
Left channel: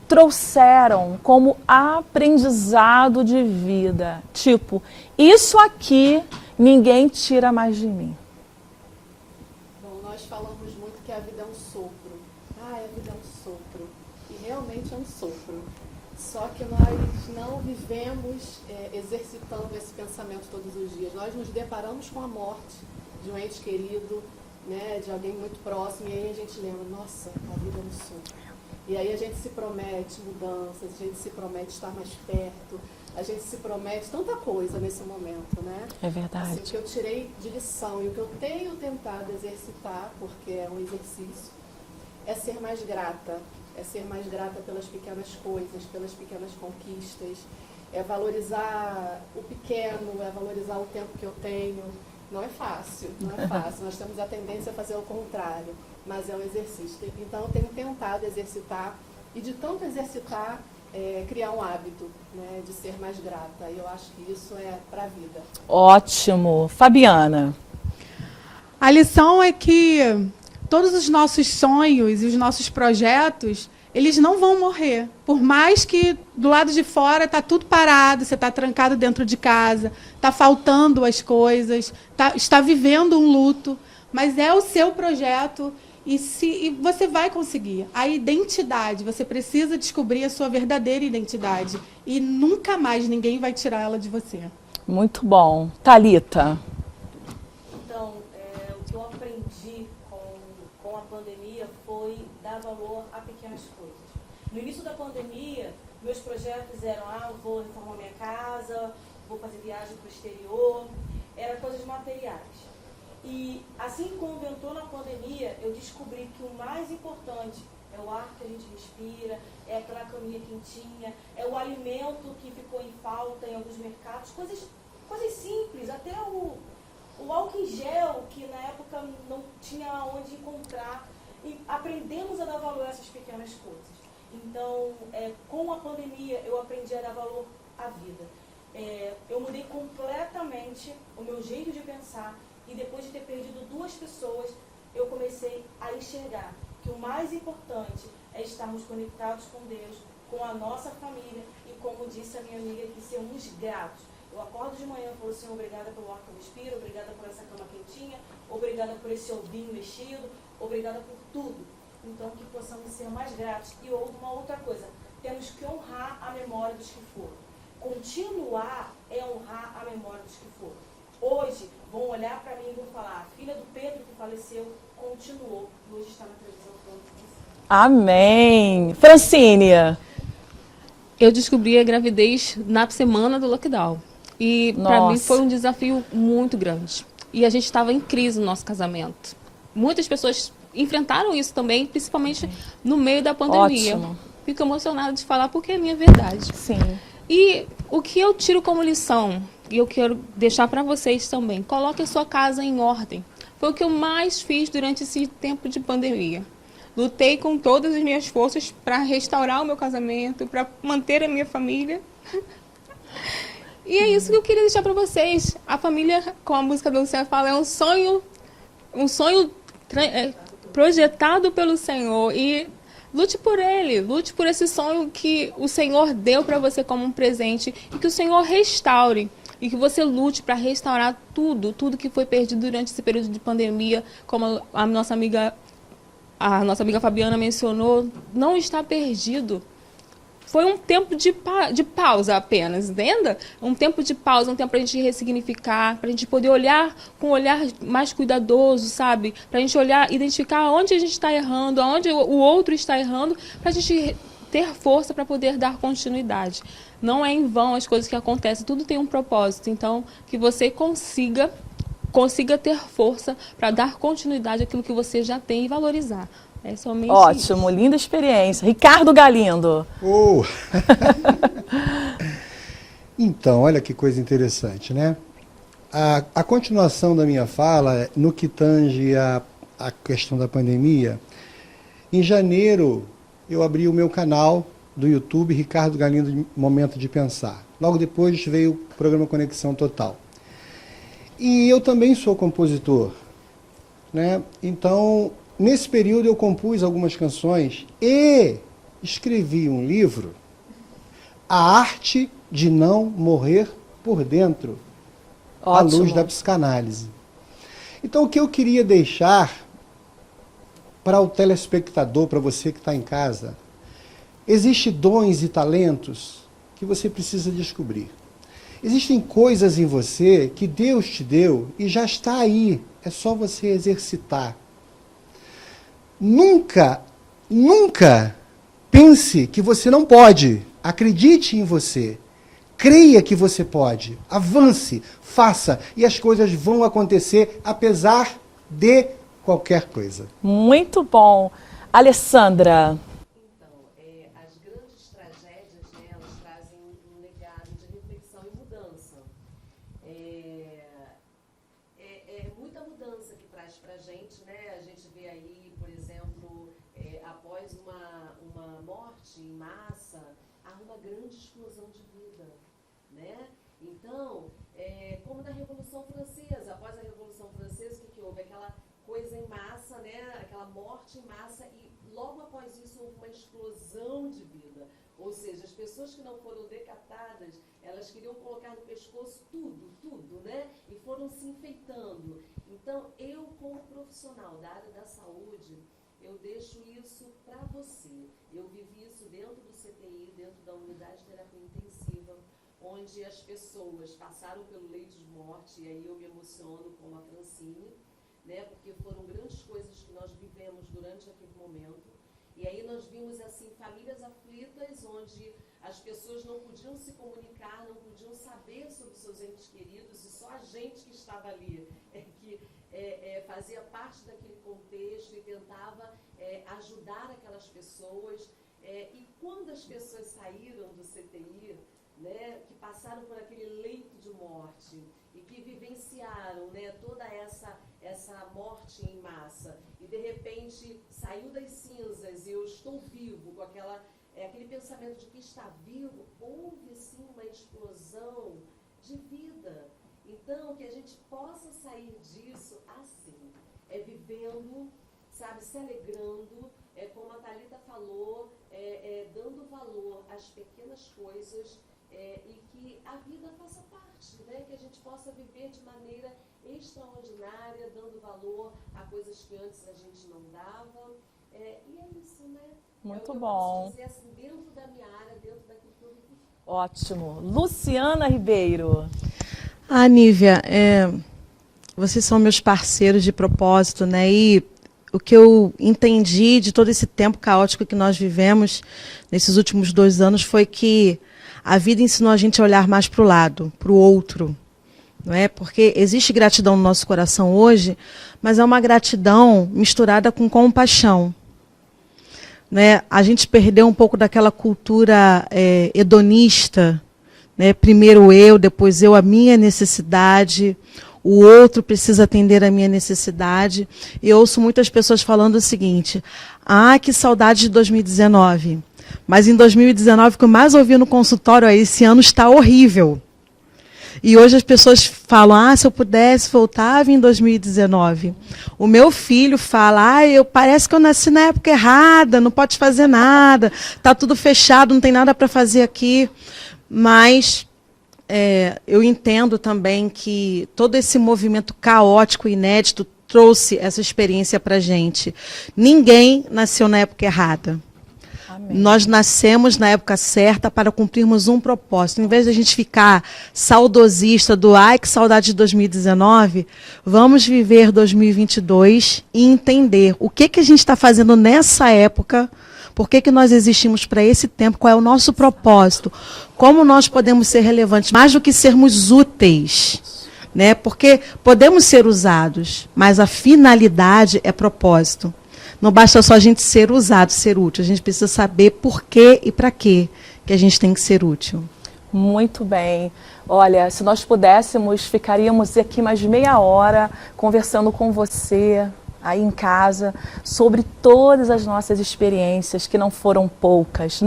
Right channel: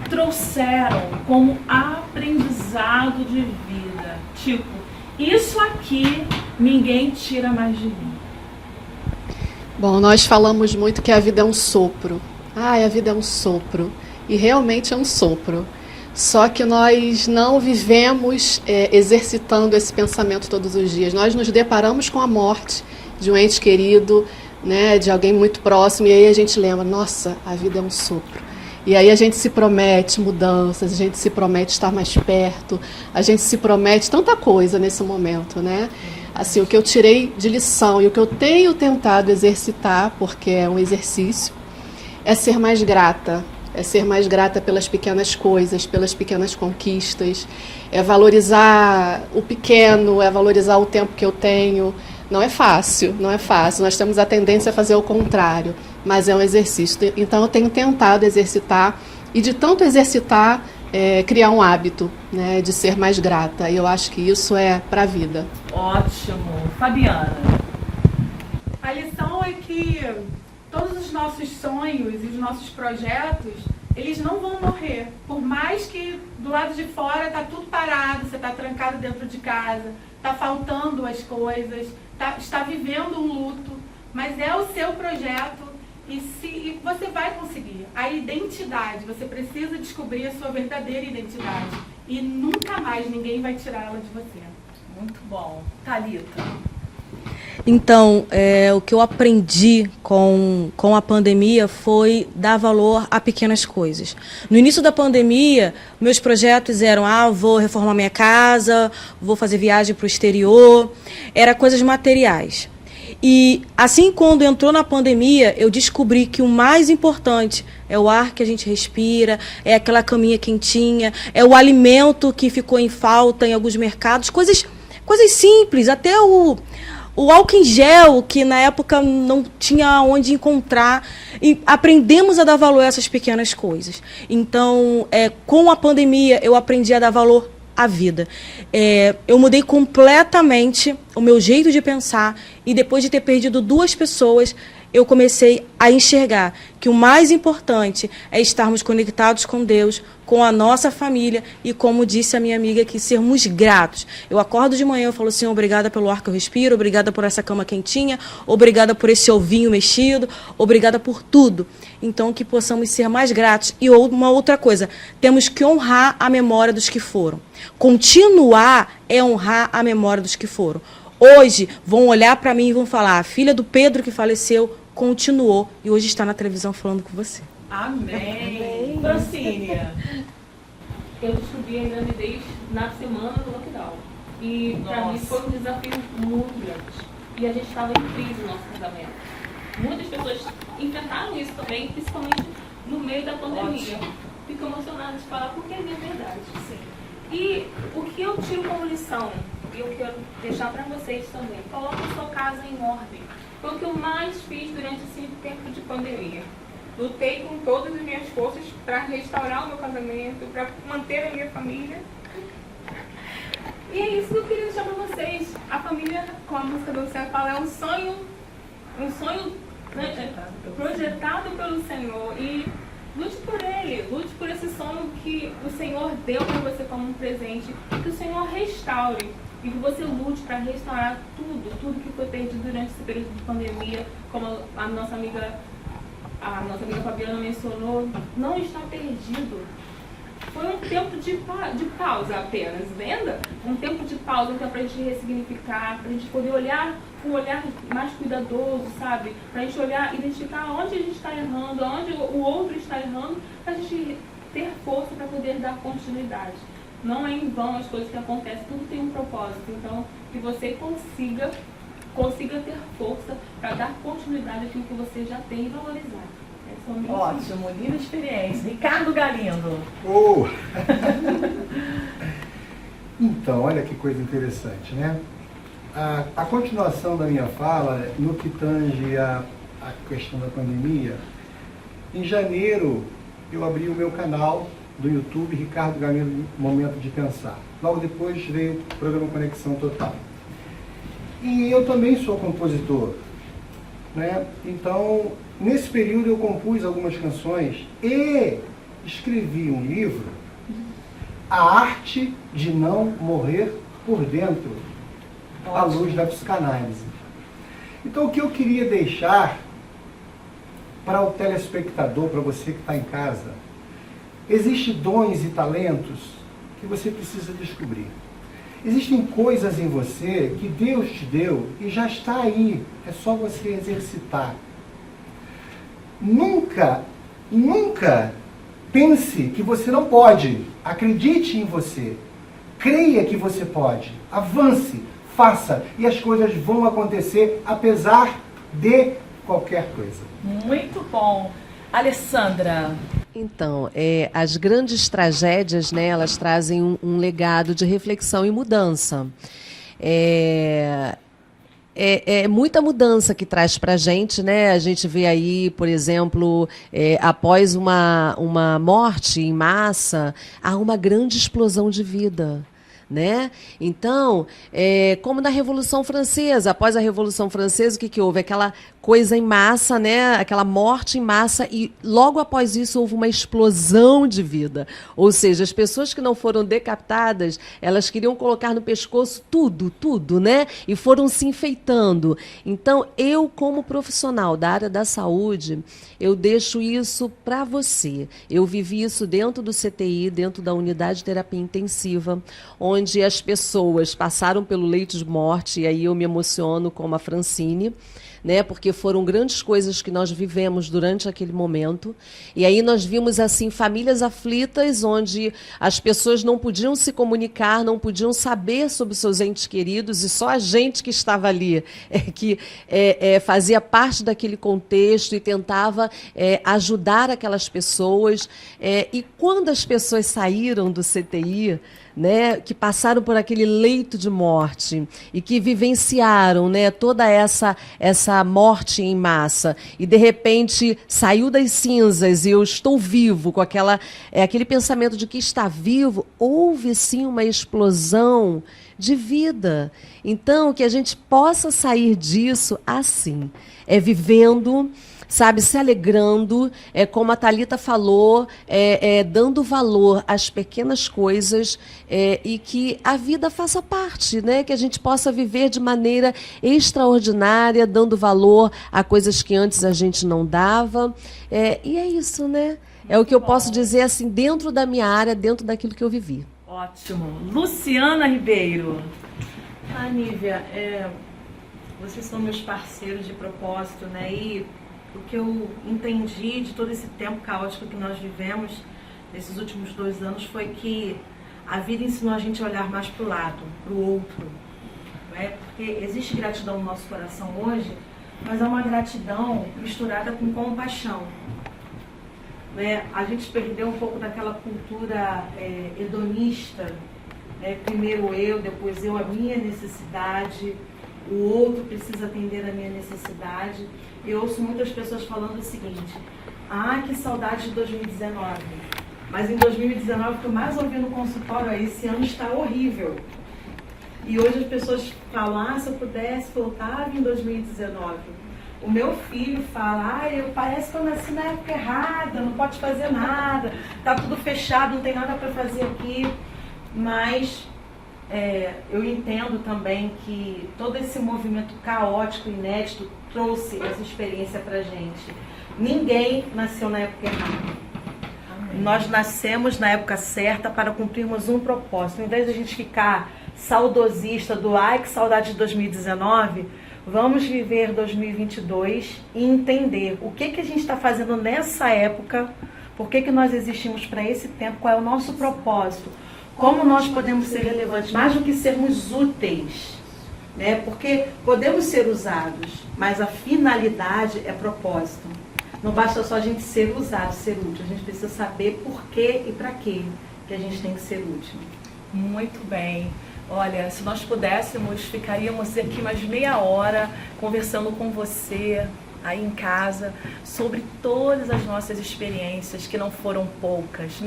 trouxeram como aprendizado de vida. Tipo, isso aqui ninguém tira mais de mim. Bom, nós falamos muito que a vida é um sopro. A vida é um sopro. E realmente é um sopro. Só que nós não vivemos exercitando esse pensamento todos os dias. Nós nos deparamos com a morte de um ente querido, né, de alguém muito próximo, e aí a gente lembra, nossa, a vida é um sopro. E aí a gente se promete mudanças, a gente se promete estar mais perto, a gente se promete tanta coisa nesse momento, né? Assim, o que eu tirei de lição e o que eu tenho tentado exercitar, porque é um exercício, é ser mais grata. É ser mais grata pelas pequenas coisas, pelas pequenas conquistas, é valorizar o pequeno, é valorizar o tempo que eu tenho. Não é fácil, não é fácil. Nós temos a tendência a fazer o contrário, mas é um exercício. Então, eu tenho tentado exercitar, e de tanto exercitar, criar um hábito, né, de ser mais grata. E eu acho que isso é para a vida. Ótimo. Fabiana. A lição é que todos os nossos sonhos e os nossos projetos, eles não vão morrer. Por mais que do lado de fora está tudo parado, você está trancado dentro de casa, está faltando as coisas, está vivendo um luto, mas é o seu projeto e você vai conseguir. A identidade, você precisa descobrir a sua verdadeira identidade e nunca mais ninguém vai tirar ela de você. Muito bom. Thalita. Então, o que eu aprendi com a pandemia foi dar valor a pequenas coisas. No início da pandemia, meus projetos eram, vou reformar minha casa, vou fazer viagem para o exterior, era coisas materiais. E assim, quando entrou na pandemia, eu descobri que o mais importante é o ar que a gente respira, é aquela caminha quentinha, é o alimento que ficou em falta em alguns mercados, coisas simples, até o álcool em gel, que na época não tinha onde encontrar, e aprendemos a dar valor a essas pequenas coisas. Então, com a pandemia, eu aprendi a dar valor à vida. Eu mudei completamente o meu jeito de pensar, e depois de ter perdido 2 pessoas, eu comecei a enxergar que o mais importante é estarmos conectados com Deus, com a nossa família e, como disse a minha amiga aqui, sermos gratos. Eu acordo de manhã, eu falo, Senhor, obrigada pelo ar que eu respiro, obrigada por essa cama quentinha, obrigada por esse ovinho mexido, obrigada por tudo. Então, que possamos ser mais gratos. E uma outra coisa, temos que honrar a memória dos que foram. Continuar é honrar a memória dos que foram. Hoje, vão olhar para mim e vão falar, a filha do Pedro que faleceu continuou e hoje está na televisão falando com você. Amém. Francine. Eu descobri a gravidez na semana do lockdown. E para mim foi um desafio muito grande. E a gente estava em crise no nosso casamento. Muitas pessoas enfrentaram isso também, principalmente no meio da pandemia. Ótimo. Fico emocionada de falar porque é minha verdade. Sim. E o que eu tiro como lição, e eu quero deixar para vocês também, coloque a sua casa em ordem. Foi o que eu mais fiz durante esse tempo de pandemia. Lutei com todas as minhas forças para restaurar o meu casamento, para manter a minha família. E é isso que eu queria deixar para vocês. A família, como a música do Luciano fala, é um sonho projetado pelo Senhor. E lute por ele, lute por esse sonho que o Senhor deu para você como um presente e que o Senhor restaure. E que você lute para restaurar tudo que foi perdido durante esse período de pandemia, como a nossa amiga Fabiana mencionou, não está perdido. Foi um tempo de pausa apenas, entenda? Um tempo de pausa, um tempo para a gente ressignificar, para a gente poder olhar com um olhar mais cuidadoso, sabe? Para a gente olhar, identificar onde a gente está errando, onde o outro está errando, para a gente ter força para poder dar continuidade. Não é em vão as coisas que acontecem, tudo tem um propósito. Então, que você consiga ter força para dar continuidade àquilo que você já tem e valorizar. É somente Ótimo, linda experiência. Ricardo Galindo. Então, olha que coisa interessante, né? A continuação da minha fala, no que tange a questão da pandemia, em janeiro eu abri o meu canal do YouTube, Ricardo Galindo, Momento de Pensar. Logo depois veio o programa Conexão Total. E eu também sou compositor, né? Então, nesse período eu compus algumas canções e escrevi um livro, A Arte de Não Morrer por Dentro, à luz da psicanálise. Então, o que eu queria deixar para o telespectador, para você que está em casa, existem dons e talentos que você precisa descobrir. Existem coisas em você que Deus te deu e já está aí. É só você exercitar. Nunca pense que você não pode. Acredite em você. Creia que você pode. Avance, faça. E as coisas vão acontecer apesar de qualquer coisa. Muito bom. Alessandra. Então, as grandes tragédias, né, elas trazem um legado de reflexão e mudança. É muita mudança que traz para a gente, né? A gente vê aí, por exemplo, após uma morte em massa, há uma grande explosão de vida. né? Então, como na Revolução Francesa, após a Revolução Francesa, o que houve? Aquela coisa em massa, né? Aquela morte em massa, e logo após isso houve uma explosão de vida. Ou seja, as pessoas que não foram decapitadas, elas queriam colocar no pescoço tudo, né? E foram se enfeitando. Então, eu, como profissional da área da saúde, eu deixo isso para você. Eu vivi isso dentro do CTI, dentro da unidade de terapia intensiva, onde as pessoas passaram pelo leito de morte, e aí eu me emociono como a Francine, né, porque foram grandes coisas que nós vivemos durante aquele momento. E aí nós vimos assim famílias aflitas, onde as pessoas não podiam se comunicar, não podiam saber sobre seus entes queridos, e só a gente que estava ali, que fazia parte daquele contexto e tentava ajudar aquelas pessoas. E quando as pessoas saíram do CTI, né, que passaram por aquele leito de morte e que vivenciaram, né, toda essa morte em massa, e de repente saiu das cinzas e eu estou vivo, com aquele pensamento de que está vivo, houve sim uma explosão de vida. Então, que a gente possa sair disso assim, vivendo, sabe, se alegrando, como a Thalita falou, dando valor às pequenas coisas, e que a vida faça parte, né? Que a gente possa viver de maneira extraordinária, dando valor a coisas que antes a gente não dava. E é isso, né? É o que eu posso dizer assim, dentro da minha área, dentro daquilo que eu vivi. Ótimo. Luciana Ribeiro. Nívia, vocês são meus parceiros de propósito, né? E o que eu entendi de todo esse tempo caótico que nós vivemos nesses últimos 2 anos foi que a vida ensinou a gente a olhar mais para o lado, para o outro. Não é? Porque existe gratidão no nosso coração hoje, mas é uma gratidão misturada com compaixão. Né? A gente perdeu um pouco daquela cultura hedonista, né? Primeiro eu, depois eu, a minha necessidade. O outro precisa atender a minha necessidade. E eu ouço muitas pessoas falando o seguinte: que saudade de 2019. Mas em 2019, o que eu mais ouvi no consultório esse ano está horrível. E hoje as pessoas falam, se eu pudesse, voltava em 2019. O meu filho fala, parece que eu nasci na época errada, não pode fazer nada, está tudo fechado, não tem nada para fazer aqui. Mas eu entendo também que todo esse movimento caótico, inédito, trouxe essa experiência para a gente. Ninguém nasceu na época errada. Amém. Nós nascemos na época certa para cumprirmos um propósito. Em vez de a gente ficar saudosista do que saudade de 2019, vamos viver 2022 e entender o que a gente está fazendo nessa época, por que nós existimos para esse tempo, qual é o nosso propósito. Como nós podemos ser relevantes, mais do que sermos úteis, né? Porque podemos ser usados, mas a finalidade é propósito. Não basta só a gente ser usado, ser útil. A gente precisa saber por quê e para quê que a gente tem que ser útil. Muito bem. Olha, se nós pudéssemos, ficaríamos aqui mais meia hora conversando com você aí em casa sobre todas as nossas experiências, que não foram poucas.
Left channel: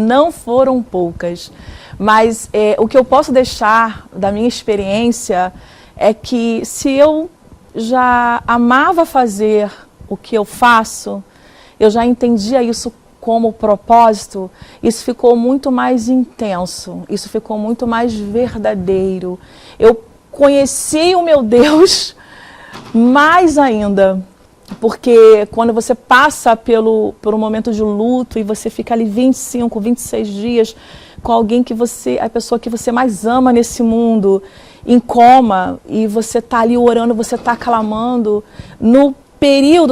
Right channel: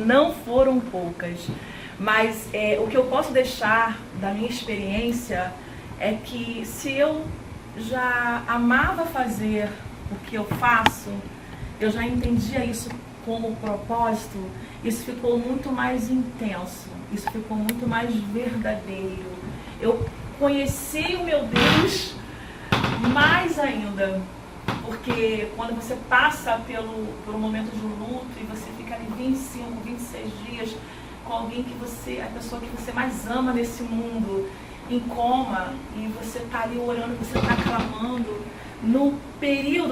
Mas o que eu posso deixar da minha experiência é que se eu já amava fazer o que eu faço, eu já entendia isso como propósito, isso ficou muito mais intenso, isso ficou muito mais verdadeiro. Eu conheci o meu Deus mais ainda, porque quando você passa por um momento de luto e você fica ali 25, 26 dias com alguém a pessoa que você mais ama nesse mundo, em coma, e você está ali orando, você está clamando,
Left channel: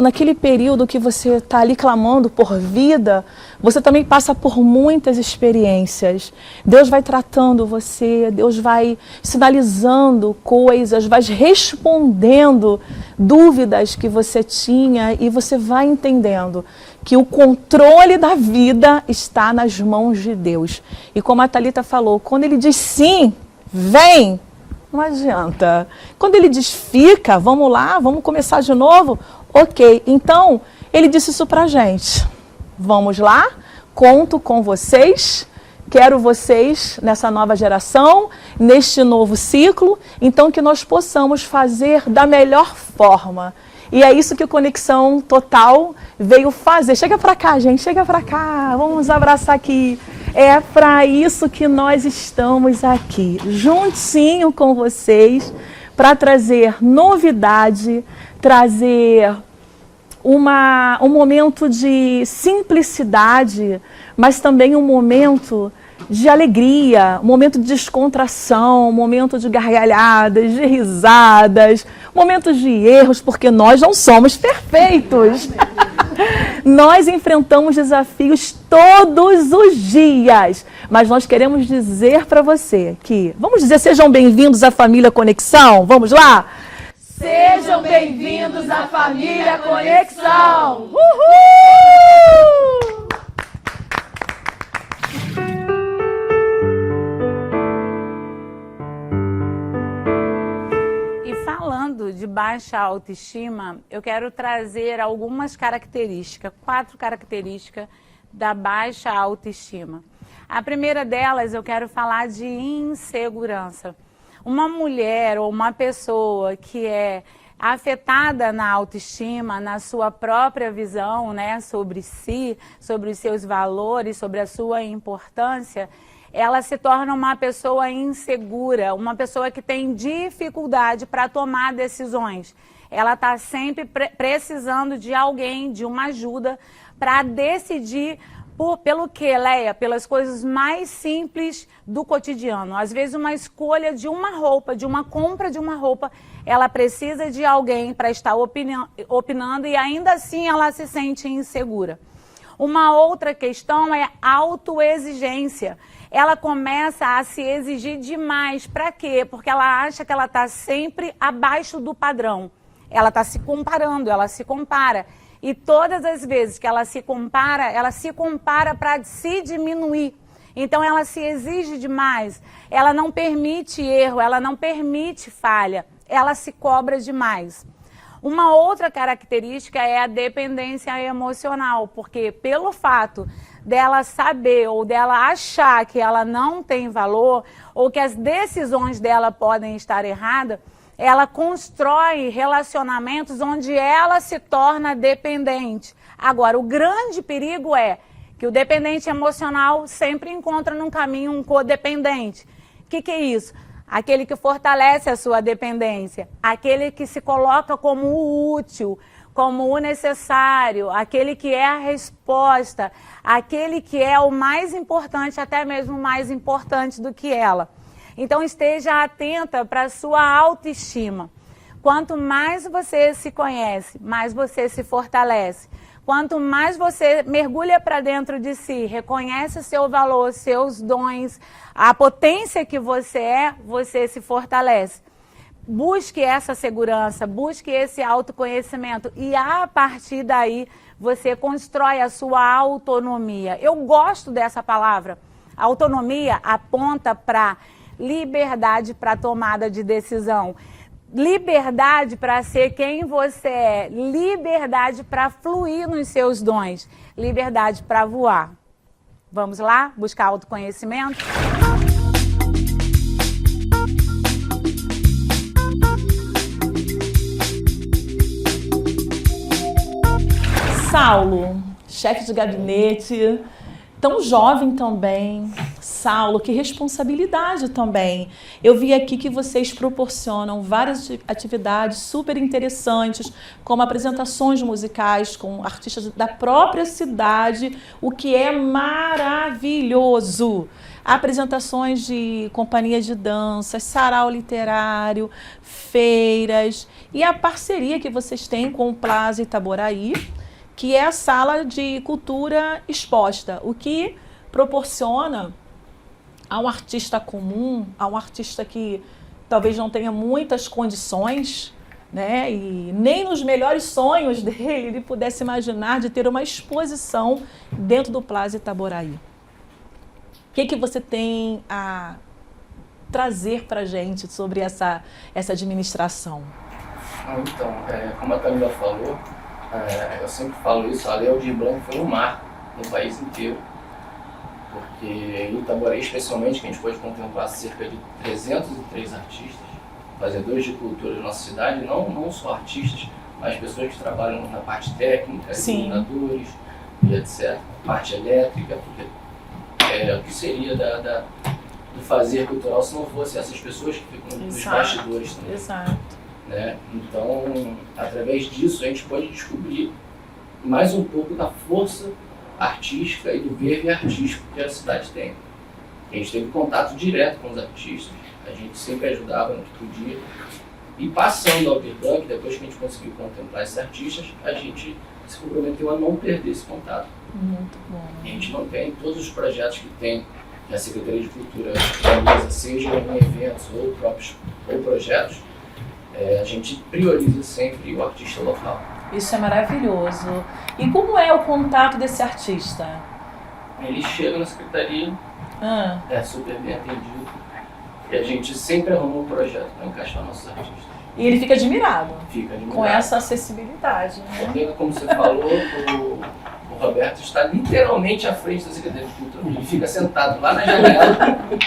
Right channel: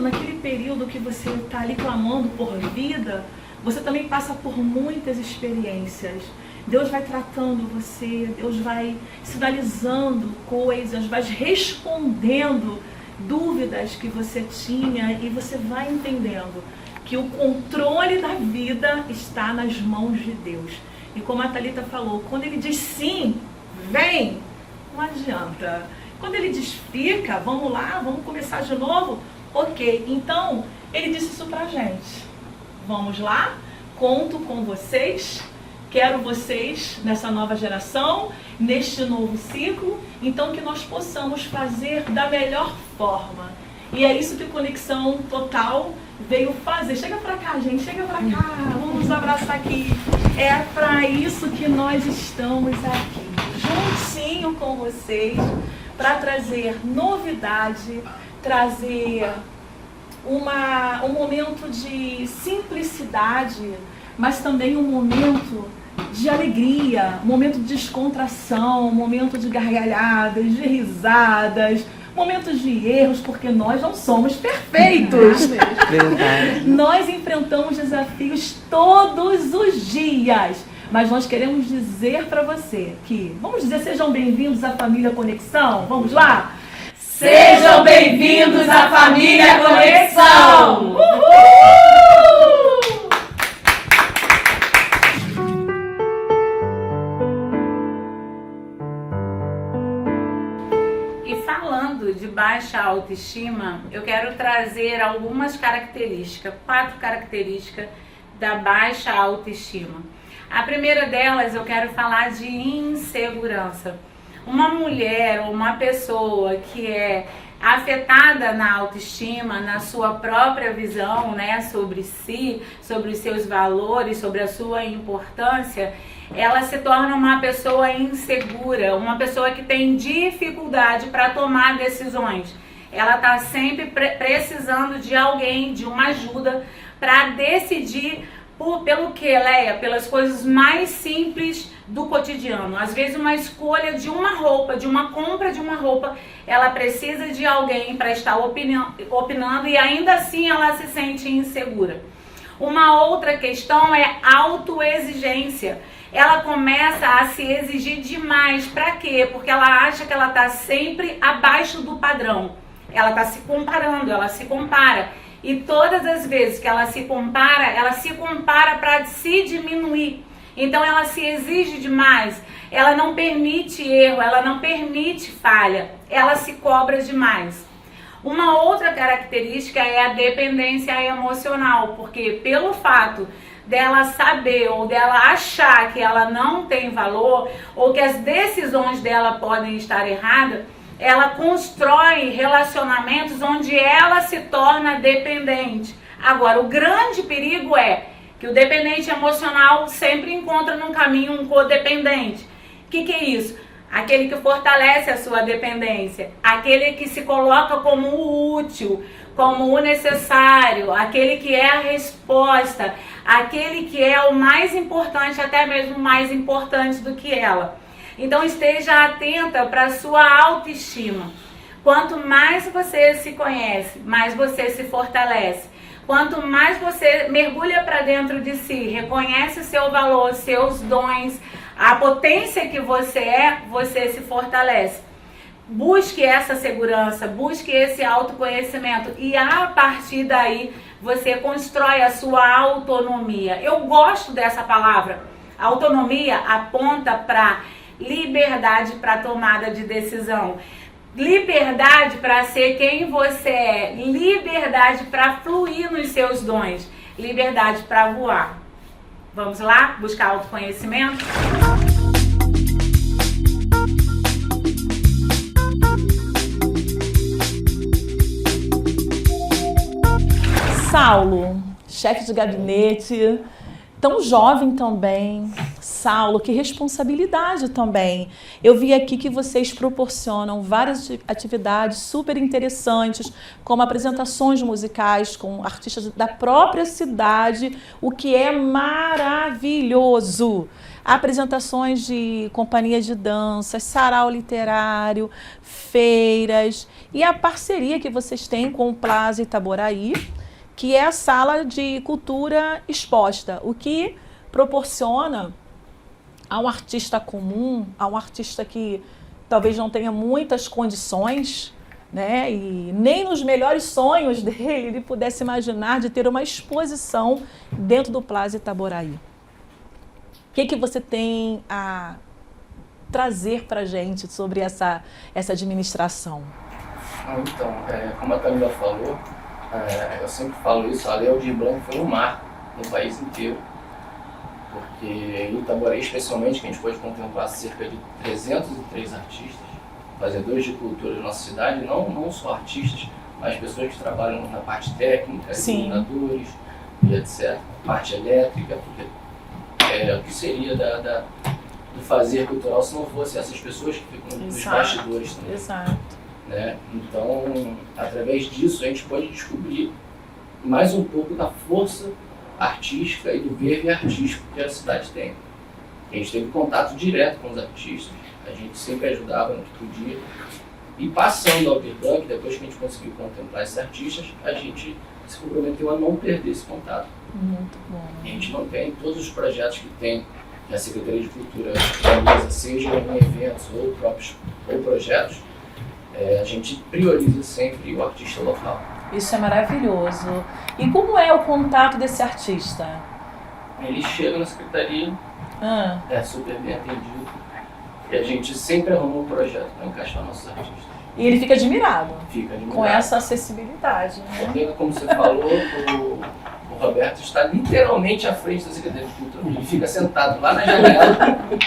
naquele período que você está ali clamando por vida, você também passa por muitas experiências. Deus vai tratando você, Deus vai sinalizando coisas, vai respondendo dúvidas que você tinha, e você vai entendendo que o controle da vida está nas mãos de Deus. E como a Thalita falou, quando ele diz sim, vem, não adianta. Quando ele diz fica, vamos lá, vamos começar de novo, ok. Então, ele disse isso pra gente. Vamos lá, conto com vocês quero vocês nessa nova geração, neste novo ciclo, então que nós possamos fazer da melhor forma. E é isso que o Conexão Total veio fazer. Chega pra cá, gente, chega pra cá, vamos abraçar aqui. É para isso que nós estamos aqui, juntinho com vocês, para trazer novidade, trazer um momento de simplicidade, mas também um momento de alegria, um momento de descontração, um momento de gargalhadas, de risadas, momentos de erros, porque nós não somos perfeitos. Nós enfrentamos desafios todos os dias, mas nós queremos dizer para você que, vamos dizer, sejam bem-vindos à família Conexão, vamos lá? Sejam bem-vindos à família Conexão! Uhul! E falando de baixa autoestima, eu quero trazer algumas características, 4 características da baixa autoestima. A primeira delas, eu quero falar de insegurança. Uma mulher ou uma pessoa que é afetada na autoestima, na sua própria visão, né, sobre si, sobre os seus valores, sobre a sua importância, ela se torna uma pessoa insegura, uma pessoa que tem dificuldade para tomar decisões. Ela está sempre precisando de alguém, de uma ajuda, para decidir pelo que, Leia? Pelas coisas mais simples do cotidiano. Às vezes uma escolha de uma roupa, de uma compra de uma roupa, ela precisa de alguém para estar opinando e ainda assim ela se sente insegura. Uma outra questão é autoexigência. Ela começa a se exigir demais. Para quê? Porque ela acha que ela está sempre abaixo do padrão. Ela está se comparando, ela se compara. E todas as vezes que ela se compara para se diminuir. Então ela se exige demais, ela não permite erro, ela não permite falha, ela se cobra demais. Uma outra característica é a dependência emocional, porque pelo fato dela saber ou dela achar que ela não tem valor ou que as decisões dela podem estar erradas, ela constrói relacionamentos onde ela se torna dependente. Agora, o grande perigo é que o dependente emocional sempre encontra no caminho um codependente. O que é isso? Aquele que fortalece a sua dependência, aquele que se coloca como o útil, como o necessário, aquele que é a resposta, aquele que é o mais importante, até mesmo mais importante do que ela. Então esteja atenta para a sua autoestima. Quanto mais você se conhece, mais você se fortalece. Quanto mais você mergulha para dentro de si, reconhece o seu valor, seus dons, a potência que você é, você se fortalece. Busque essa segurança, busque esse autoconhecimento e a partir daí você constrói a sua autonomia. Eu gosto dessa palavra. Autonomia aponta para liberdade para tomada de decisão. Liberdade para ser quem você é, liberdade para fluir nos seus dons, liberdade para voar. Vamos lá buscar autoconhecimento? Saulo, chefe de gabinete, tão jovem também. Saulo, que responsabilidade também. Eu vi aqui que vocês proporcionam várias atividades super interessantes, como apresentações musicais com artistas da própria cidade, o que é maravilhoso. Apresentações de companhias de dança, sarau literário, feiras e a parceria que vocês têm com o Plaza Itaboraí, que é a sala de cultura exposta, o que proporciona a um artista comum, a um artista que talvez não tenha muitas condições, né, e nem nos melhores sonhos dele ele pudesse imaginar de ter uma exposição dentro do Plaza Itaboraí. O que você tem a trazer para a gente sobre essa administração? Então, como a Camila falou, eu sempre falo isso, a Léo de Blanc foi um mar no país inteiro. porque em Itaboraí, especialmente, que a gente pode contemplar cerca de 303 artistas, fazedores de cultura da nossa cidade, não só artistas, mas pessoas que trabalham na parte técnica, iluminadores e etc., parte elétrica, porque o que seria do fazer cultural se não fosse essas pessoas que ficam nos bastidores também. Exato. Né? Então, através disso, a gente pode descobrir mais um pouco da força artística e do verve artístico que a cidade tem. A gente teve contato direto com os artistas, a gente sempre ajudava no que podia. E passando ao Birbank, depois que a gente conseguiu contemplar esses artistas, a gente se comprometeu a não perder esse contato. Muito bom. A gente mantém todos os projetos que tem a Secretaria de Cultura realiza, seja em eventos ou projetos, a gente prioriza sempre o artista local. Isso é maravilhoso. E como é o contato desse artista? Ele chega na secretaria, é super bem atendido, e a gente sempre arruma um projeto para encaixar nossos artistas. E ele fica admirado. Fica admirado. Com essa acessibilidade, né? Porque, como você falou, o Roberto está literalmente à frente da Secretaria de Cultura. Ele fica sentado lá na janela,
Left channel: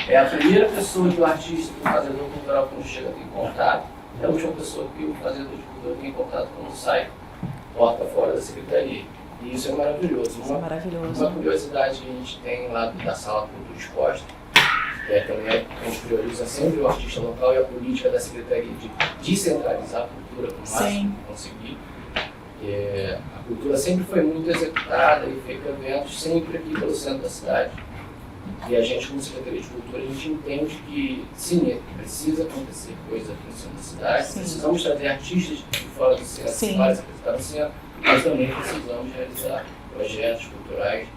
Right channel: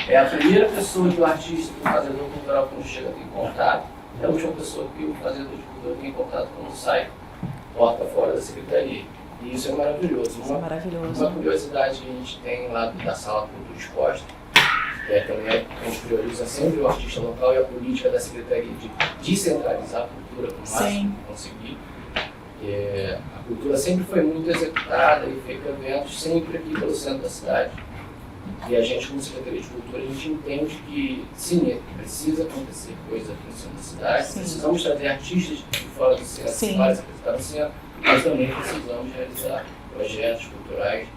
é a primeira pessoa que o artista, que o fazedor cultural, quando chega, tem contato. É a última pessoa que o fazedor de cultura tem contato quando sai, porta fora da Secretaria. E isso é maravilhoso. Isso é maravilhoso. Uma curiosidade que a gente tem lá da Sala Cultura Exposta, também a gente prioriza sempre o artista local e a política da Secretaria de descentralizar a cultura o máximo que conseguir. A cultura sempre foi muito executada e feita eventos sempre aqui pelo centro da cidade. E a gente, como Secretaria de Cultura, a gente entende que sim, precisa acontecer coisa aqui no centro da cidade, precisamos trazer artistas de fora do centro para se apresentar no centro, mas também precisamos realizar projetos culturais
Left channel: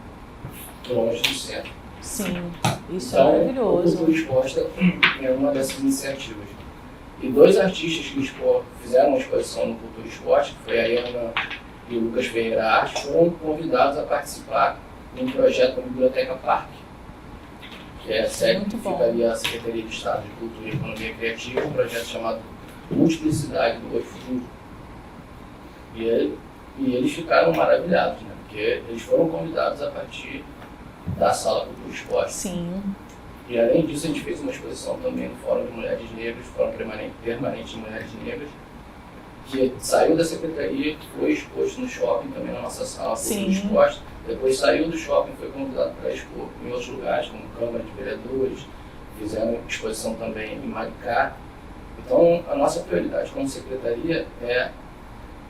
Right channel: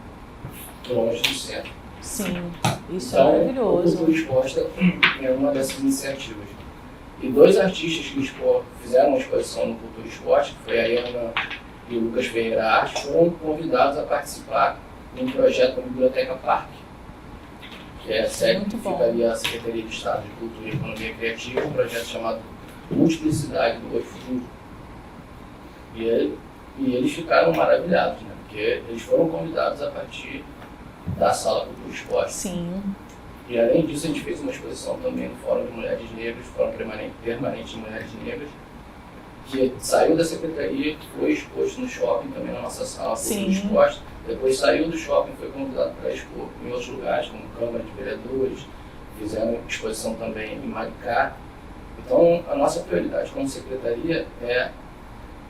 longe do centro. Sim, isso então, é maravilhoso. A Cultura Exposta é uma dessas iniciativas. E dois artistas que fizeram uma exposição no Cultura Exposta, que foi a Ana e o Lucas Ferreira Arte, foram convidados a participar de um projeto da Biblioteca Parque, que é a sede que fica ali a Secretaria de Estado de Cultura e Economia Criativa, um projeto chamado Multiplicidade do Oi Futuro. E eles ficaram maravilhados, né? Porque eles foram convidados a partir da Sala Cultura Exposta. Sim. E além disso, a gente fez uma exposição também no Fórum de Mulheres Negras, Fórum Permanente de Mulheres Negras, que saiu da Secretaria, foi exposto no shopping, também na nossa sala Cultura Exposta. Depois saiu do shopping, foi convidado para expor em outros lugares, como Câmara de Vereadores, fizeram exposição também em Maricá. Então, a nossa prioridade como Secretaria é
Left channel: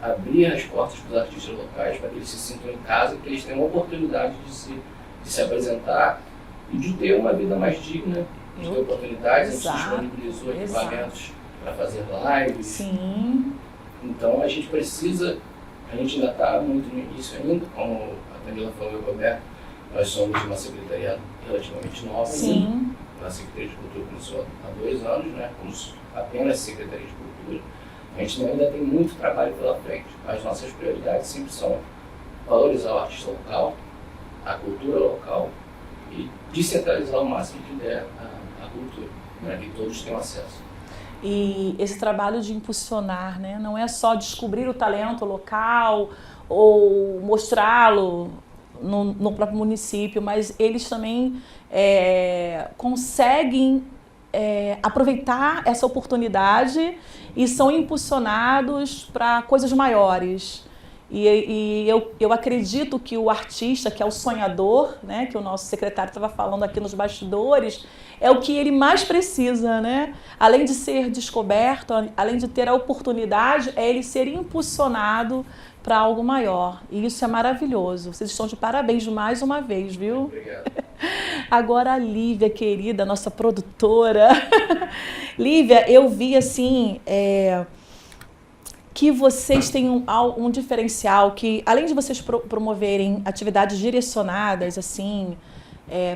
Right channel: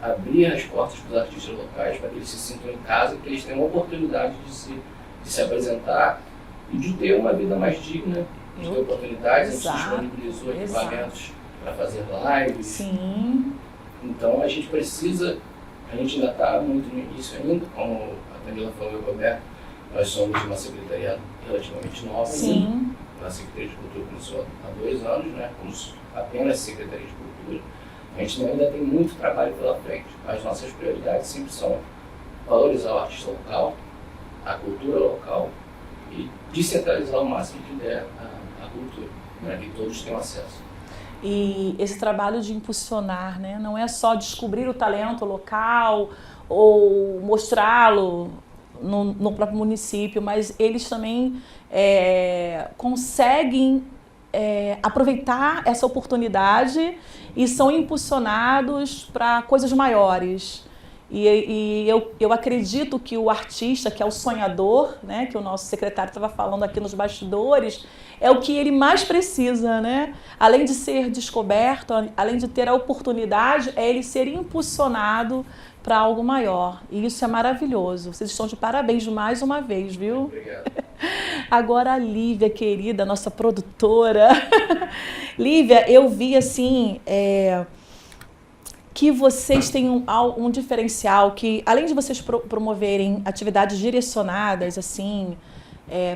abrir as portas para os artistas locais, para que eles se sintam em casa, que eles tenham a oportunidade de se apresentar e de ter uma vida mais digna, de ter oportunidades. A gente disponibilizou equipamentos para fazer lives. Sim. Então, a gente precisa, a gente ainda está muito no início ainda, como a Danila falou e o Roberto, nós somos uma secretaria relativamente nova ainda. A Secretaria de Cultura começou há 2 anos, né, como apenas Secretaria de Cultura. A gente ainda tem muito trabalho pela frente. As nossas prioridades sempre são valorizar o artista local, a cultura local e descentralizar o máximo que der a cultura, para que todos tenham acesso. E esse trabalho de impulsionar, né, não é só descobrir o talento local ou mostrá-lo no próprio município, mas eles também conseguem aproveitar essa oportunidade e são impulsionados para coisas maiores. E eu acredito que o artista, que é o sonhador, né, que o nosso secretário estava falando aqui nos bastidores, é o que ele mais precisa, né? Além de ser descoberto, além de ter a oportunidade, é ele ser impulsionado para algo maior. E isso é maravilhoso. Vocês estão de parabéns mais uma vez, viu? Obrigado. Agora a Lívia, querida, nossa produtora. Lívia, eu vi assim... que vocês têm um diferencial, que além de vocês promoverem atividades direcionadas assim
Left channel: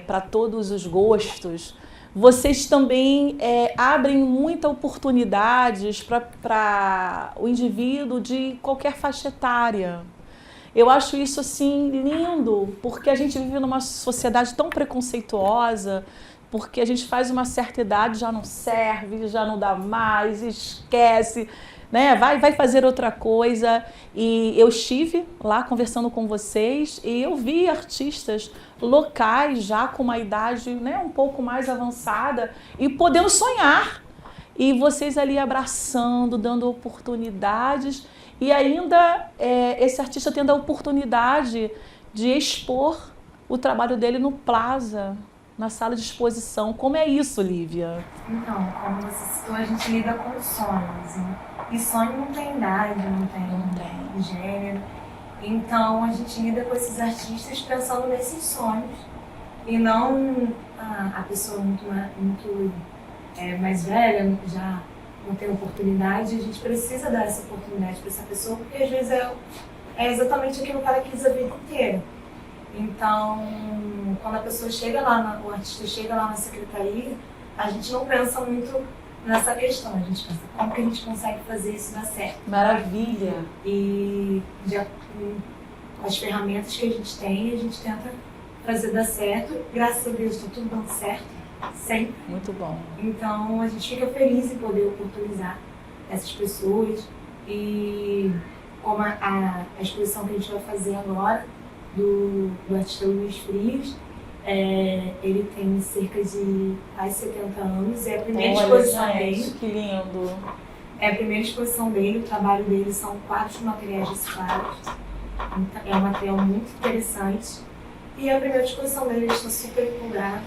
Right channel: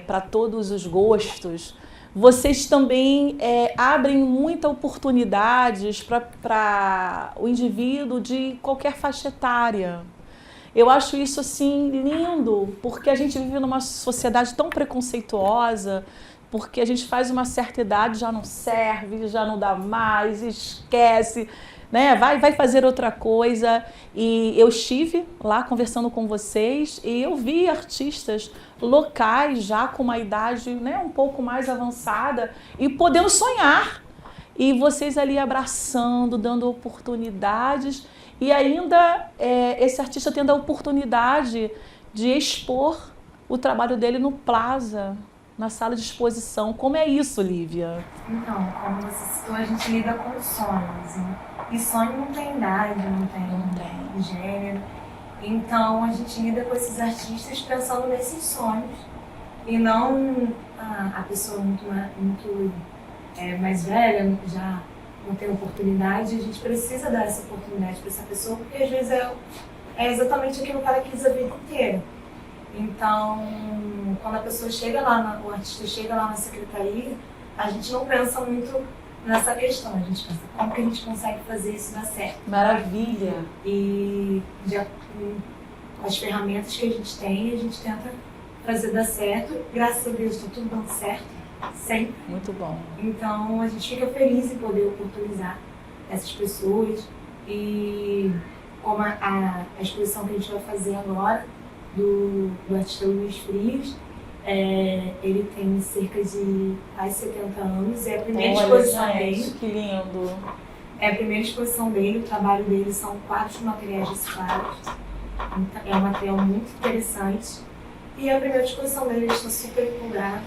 para todos os gostos, vocês também abrem muitas oportunidades para o indivíduo de qualquer faixa etária. Eu acho isso assim lindo, porque a gente vive numa sociedade tão preconceituosa, porque a gente faz uma certa idade, já não serve, já não dá mais, esquece. né? Vai fazer outra coisa. E eu estive lá conversando com vocês e eu vi artistas locais já com uma idade, né, um pouco mais avançada e podendo sonhar. E vocês ali abraçando, dando oportunidades e ainda esse artista tendo a oportunidade de expor o trabalho dele no Plaza, na sala de exposição. Como é isso, Lívia? Então, como você citou, a gente lida com sonhos. E sonho não tem idade, não tem gênero. Então, a gente lida com esses artistas pensando nesses sonhos. E não a pessoa muito mais velha, já não tem oportunidade. A gente precisa dar essa oportunidade para essa pessoa, porque às vezes é exatamente aquilo que ela quis a vida inteira. Então, quando a pessoa chega lá, o artista chega lá na secretaria, a gente não pensa muito nessa questão, a gente pensa como que a gente consegue fazer isso dar certo. Maravilha! E com as ferramentas que a gente tem, a gente tenta fazer dar certo. Graças a Deus está tudo dando certo, sempre. Muito bom. Então, a gente fica feliz em poder oportunizar essas pessoas. E como a exposição que a gente vai fazer agora, do artista Luiz Frias, ele tem cerca de quase 70 anos, é a primeira exposição dele. Que lindo! É a primeira exposição dele, o trabalho dele são quadros de materiais reciclados, é um material muito interessante, e é a primeira exposição dele, ele está super empolgado,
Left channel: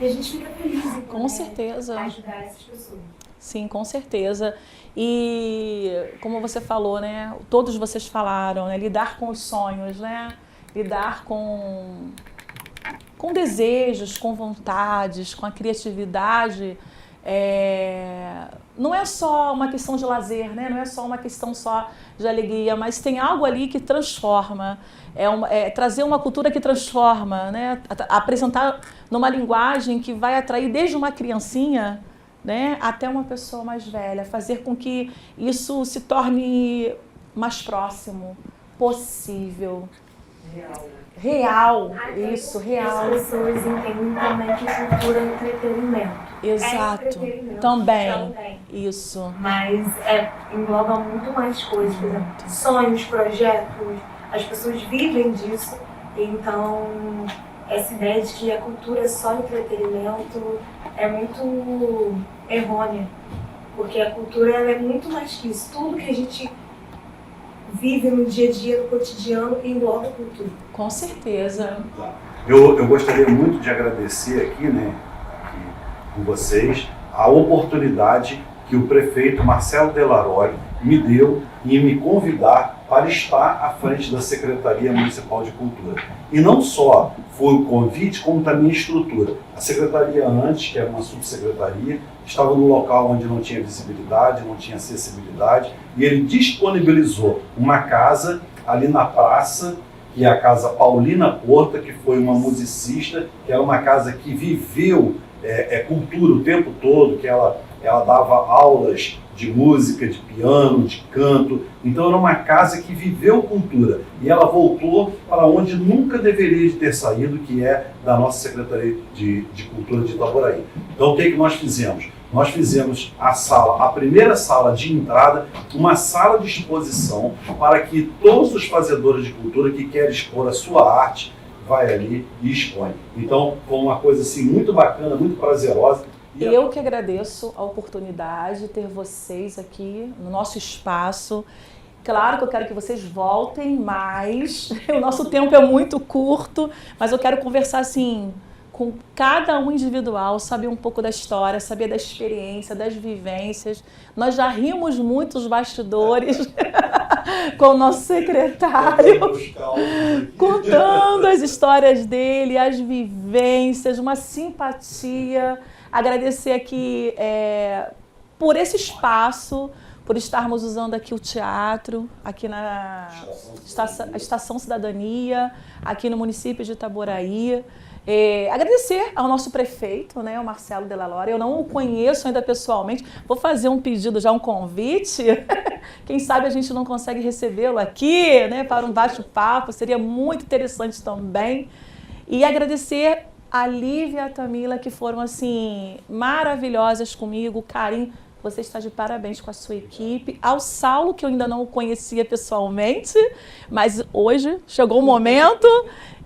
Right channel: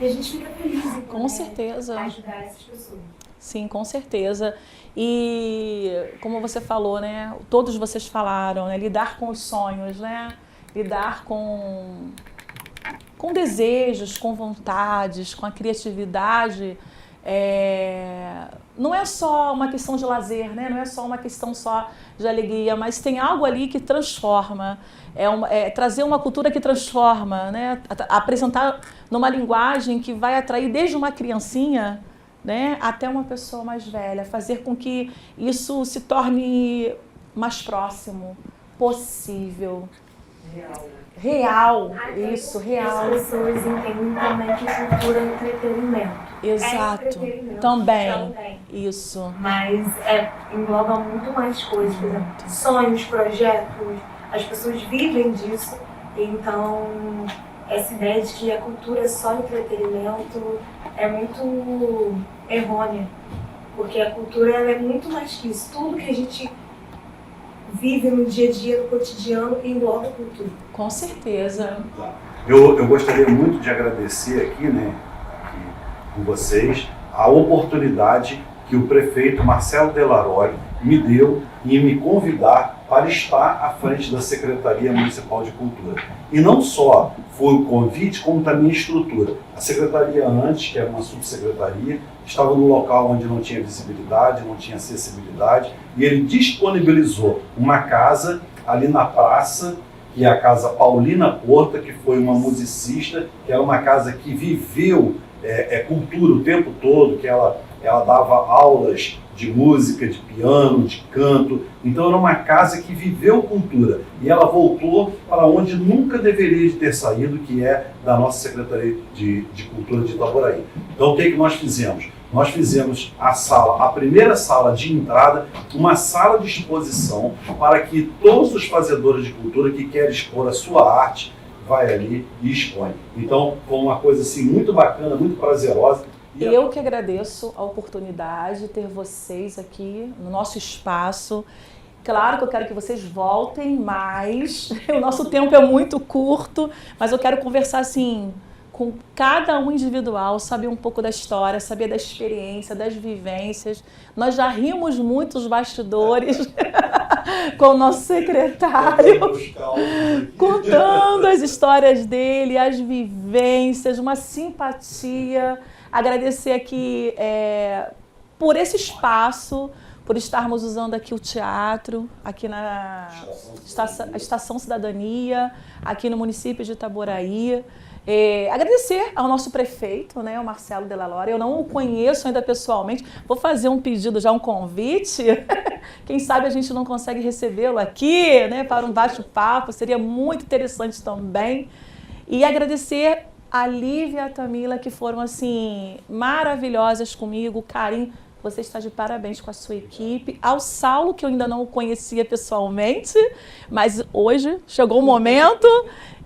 e a gente fica feliz em com certeza ajudar essas pessoas. Sim, com certeza. E como você falou, né, todos vocês falaram, né, lidar com os sonhos, né? Lidar com desejos, com vontades, com a criatividade, não é só uma questão de lazer, né? Não é só uma questão só de alegria, mas tem algo ali que transforma, trazer uma cultura que transforma, né? Apresentar numa linguagem que vai atrair desde uma criancinha, né, até uma pessoa mais velha, fazer com que isso se torne mais próximo, possível. Real, isso, real. As pessoas entendem também que cultura é entretenimento. Exato, entretenimento também. Isso. Mas engloba muito mais coisas, por exemplo, sonhos, projetos, as pessoas vivem disso. Então, essa ideia de que a cultura é só entretenimento é muito errônea, porque a cultura ela é muito mais que isso. Tudo que a gente vive no dia a dia, no cotidiano, engloba a cultura. Com certeza. Eu gostaria muito de agradecer aqui, né, com vocês, a oportunidade que o prefeito Marcelo Delaroy me deu em me convidar para estar à frente da Secretaria Municipal de Cultura. E não só foi o convite, como também a estrutura. A secretaria antes, que era uma subsecretaria, estava no local onde não tinha visibilidade, não tinha acessibilidade, e ele disponibilizou uma casa ali na praça, que é a Casa Paulina Porta, que foi uma musicista, que era uma casa que viveu cultura o tempo todo, que ela dava aulas de música, de piano, de canto. Então era uma casa que viveu cultura. E ela voltou para onde nunca deveria ter saído, que é da nossa Secretaria de Cultura de Itaboraí. Então o que nós fizemos? Nós fizemos a primeira sala de entrada, uma sala de exposição para que todos os fazedores de cultura que querem expor a sua arte, vai ali e expõe. Então foi uma coisa assim muito bacana, muito prazerosa. Eu que agradeço a oportunidade de ter vocês aqui no nosso espaço. Claro que eu quero que vocês voltem mais, o nosso tempo é muito curto, mas eu quero conversar assim com cada um individual, saber um pouco da história, saber da experiência, das vivências. Nós já rimos muito os bastidores com o nosso secretário, contando as histórias dele, as vivências, uma simpatia. Agradecer aqui por esse espaço, por estarmos usando aqui o teatro, aqui na Estação Cidadania, aqui no município de Itaboraí. Agradecer ao nosso prefeito, né, o Marcelo Delaroy. Eu não o conheço ainda pessoalmente. Vou fazer um pedido já, um convite. Quem sabe a gente não consegue recebê-lo aqui, né, para um bate-papo. Seria muito interessante também. E agradecer a Lívia e a Tamila, que foram assim maravilhosas comigo, carinho Você está de parabéns com a sua equipe. Ao Saulo, que eu ainda não o conhecia pessoalmente, mas hoje chegou o momento,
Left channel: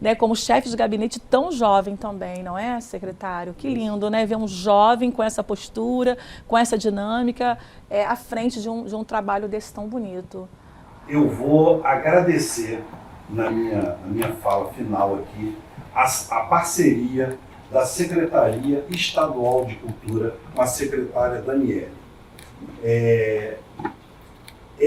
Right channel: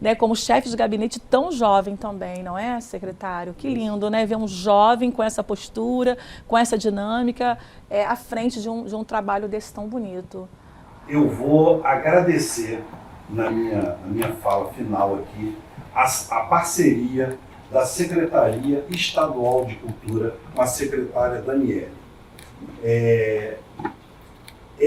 né, como chefe de gabinete tão jovem também, não é, secretário? Que lindo, né? Ver um jovem com essa postura, com essa dinâmica, à frente de um trabalho desse tão bonito. Eu vou agradecer, na minha fala final aqui, a parceria da Secretaria Estadual de Cultura com a secretária Daniele. É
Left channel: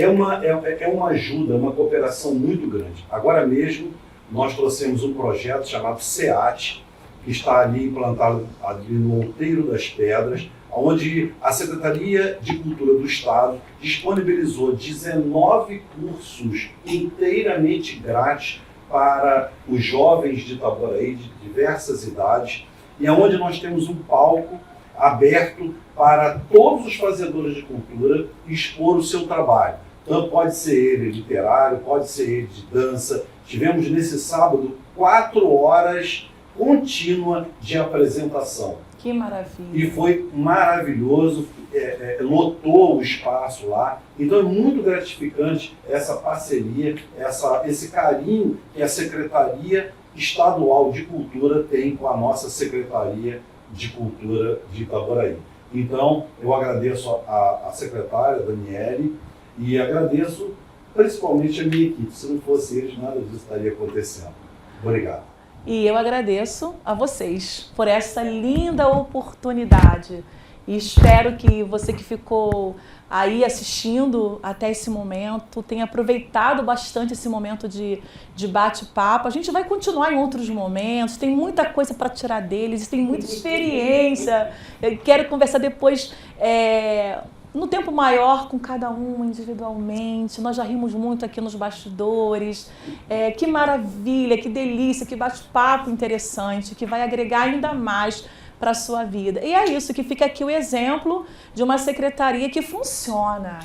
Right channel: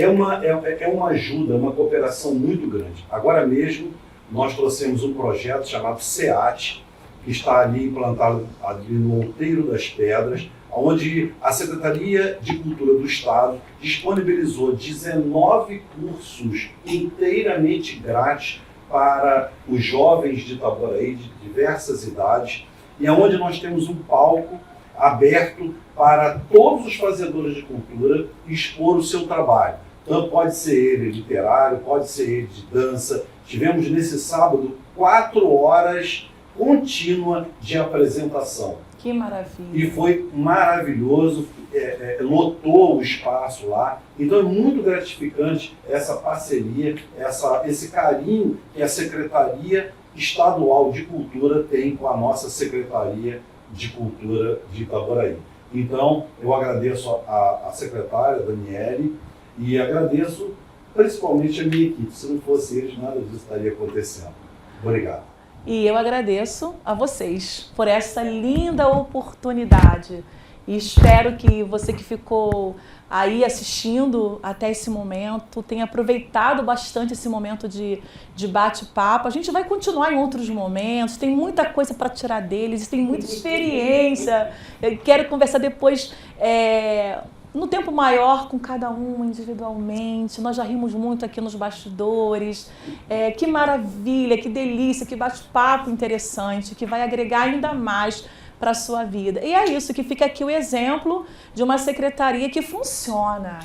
uma ajuda, uma cooperação muito grande. Agora mesmo, nós trouxemos um projeto chamado SEAT, que está ali implantado ali no Outeiro das Pedras, onde a Secretaria de Cultura do Estado disponibilizou 19 cursos inteiramente grátis para os jovens de Itaboraí, de diversas idades, e onde nós temos um palco aberto para todos os fazedores de cultura expor o seu trabalho. Então pode ser ele literário, pode ser ele de dança. Tivemos nesse sábado 4 horas contínua de apresentação. Que maravilha! E foi maravilhoso, lotou o espaço lá. Então é muito gratificante essa parceria, esse carinho que a Secretaria Estadual de Cultura tem com a nossa Secretaria de Cultura de Itaboraí. Então eu agradeço a secretária Daniele e agradeço principalmente a minha equipe. Se não fosse eles, nada disso estaria acontecendo. Obrigado. E eu agradeço a vocês por essa linda oportunidade. E espero que você que ficou aí assistindo até esse momento tenha aproveitado bastante esse momento de bate-papo. A gente vai continuar em outros momentos, tem muita coisa para tirar deles, tem muita experiência. Eu quero conversar depois no tempo maior com cada um individualmente. Nós já rimos muito aqui nos bastidores. Que maravilha, que delícia, que bate-papo interessante, que vai agregar ainda mais para a sua vida. E é isso que fica aqui o exemplo de uma secretaria que funciona.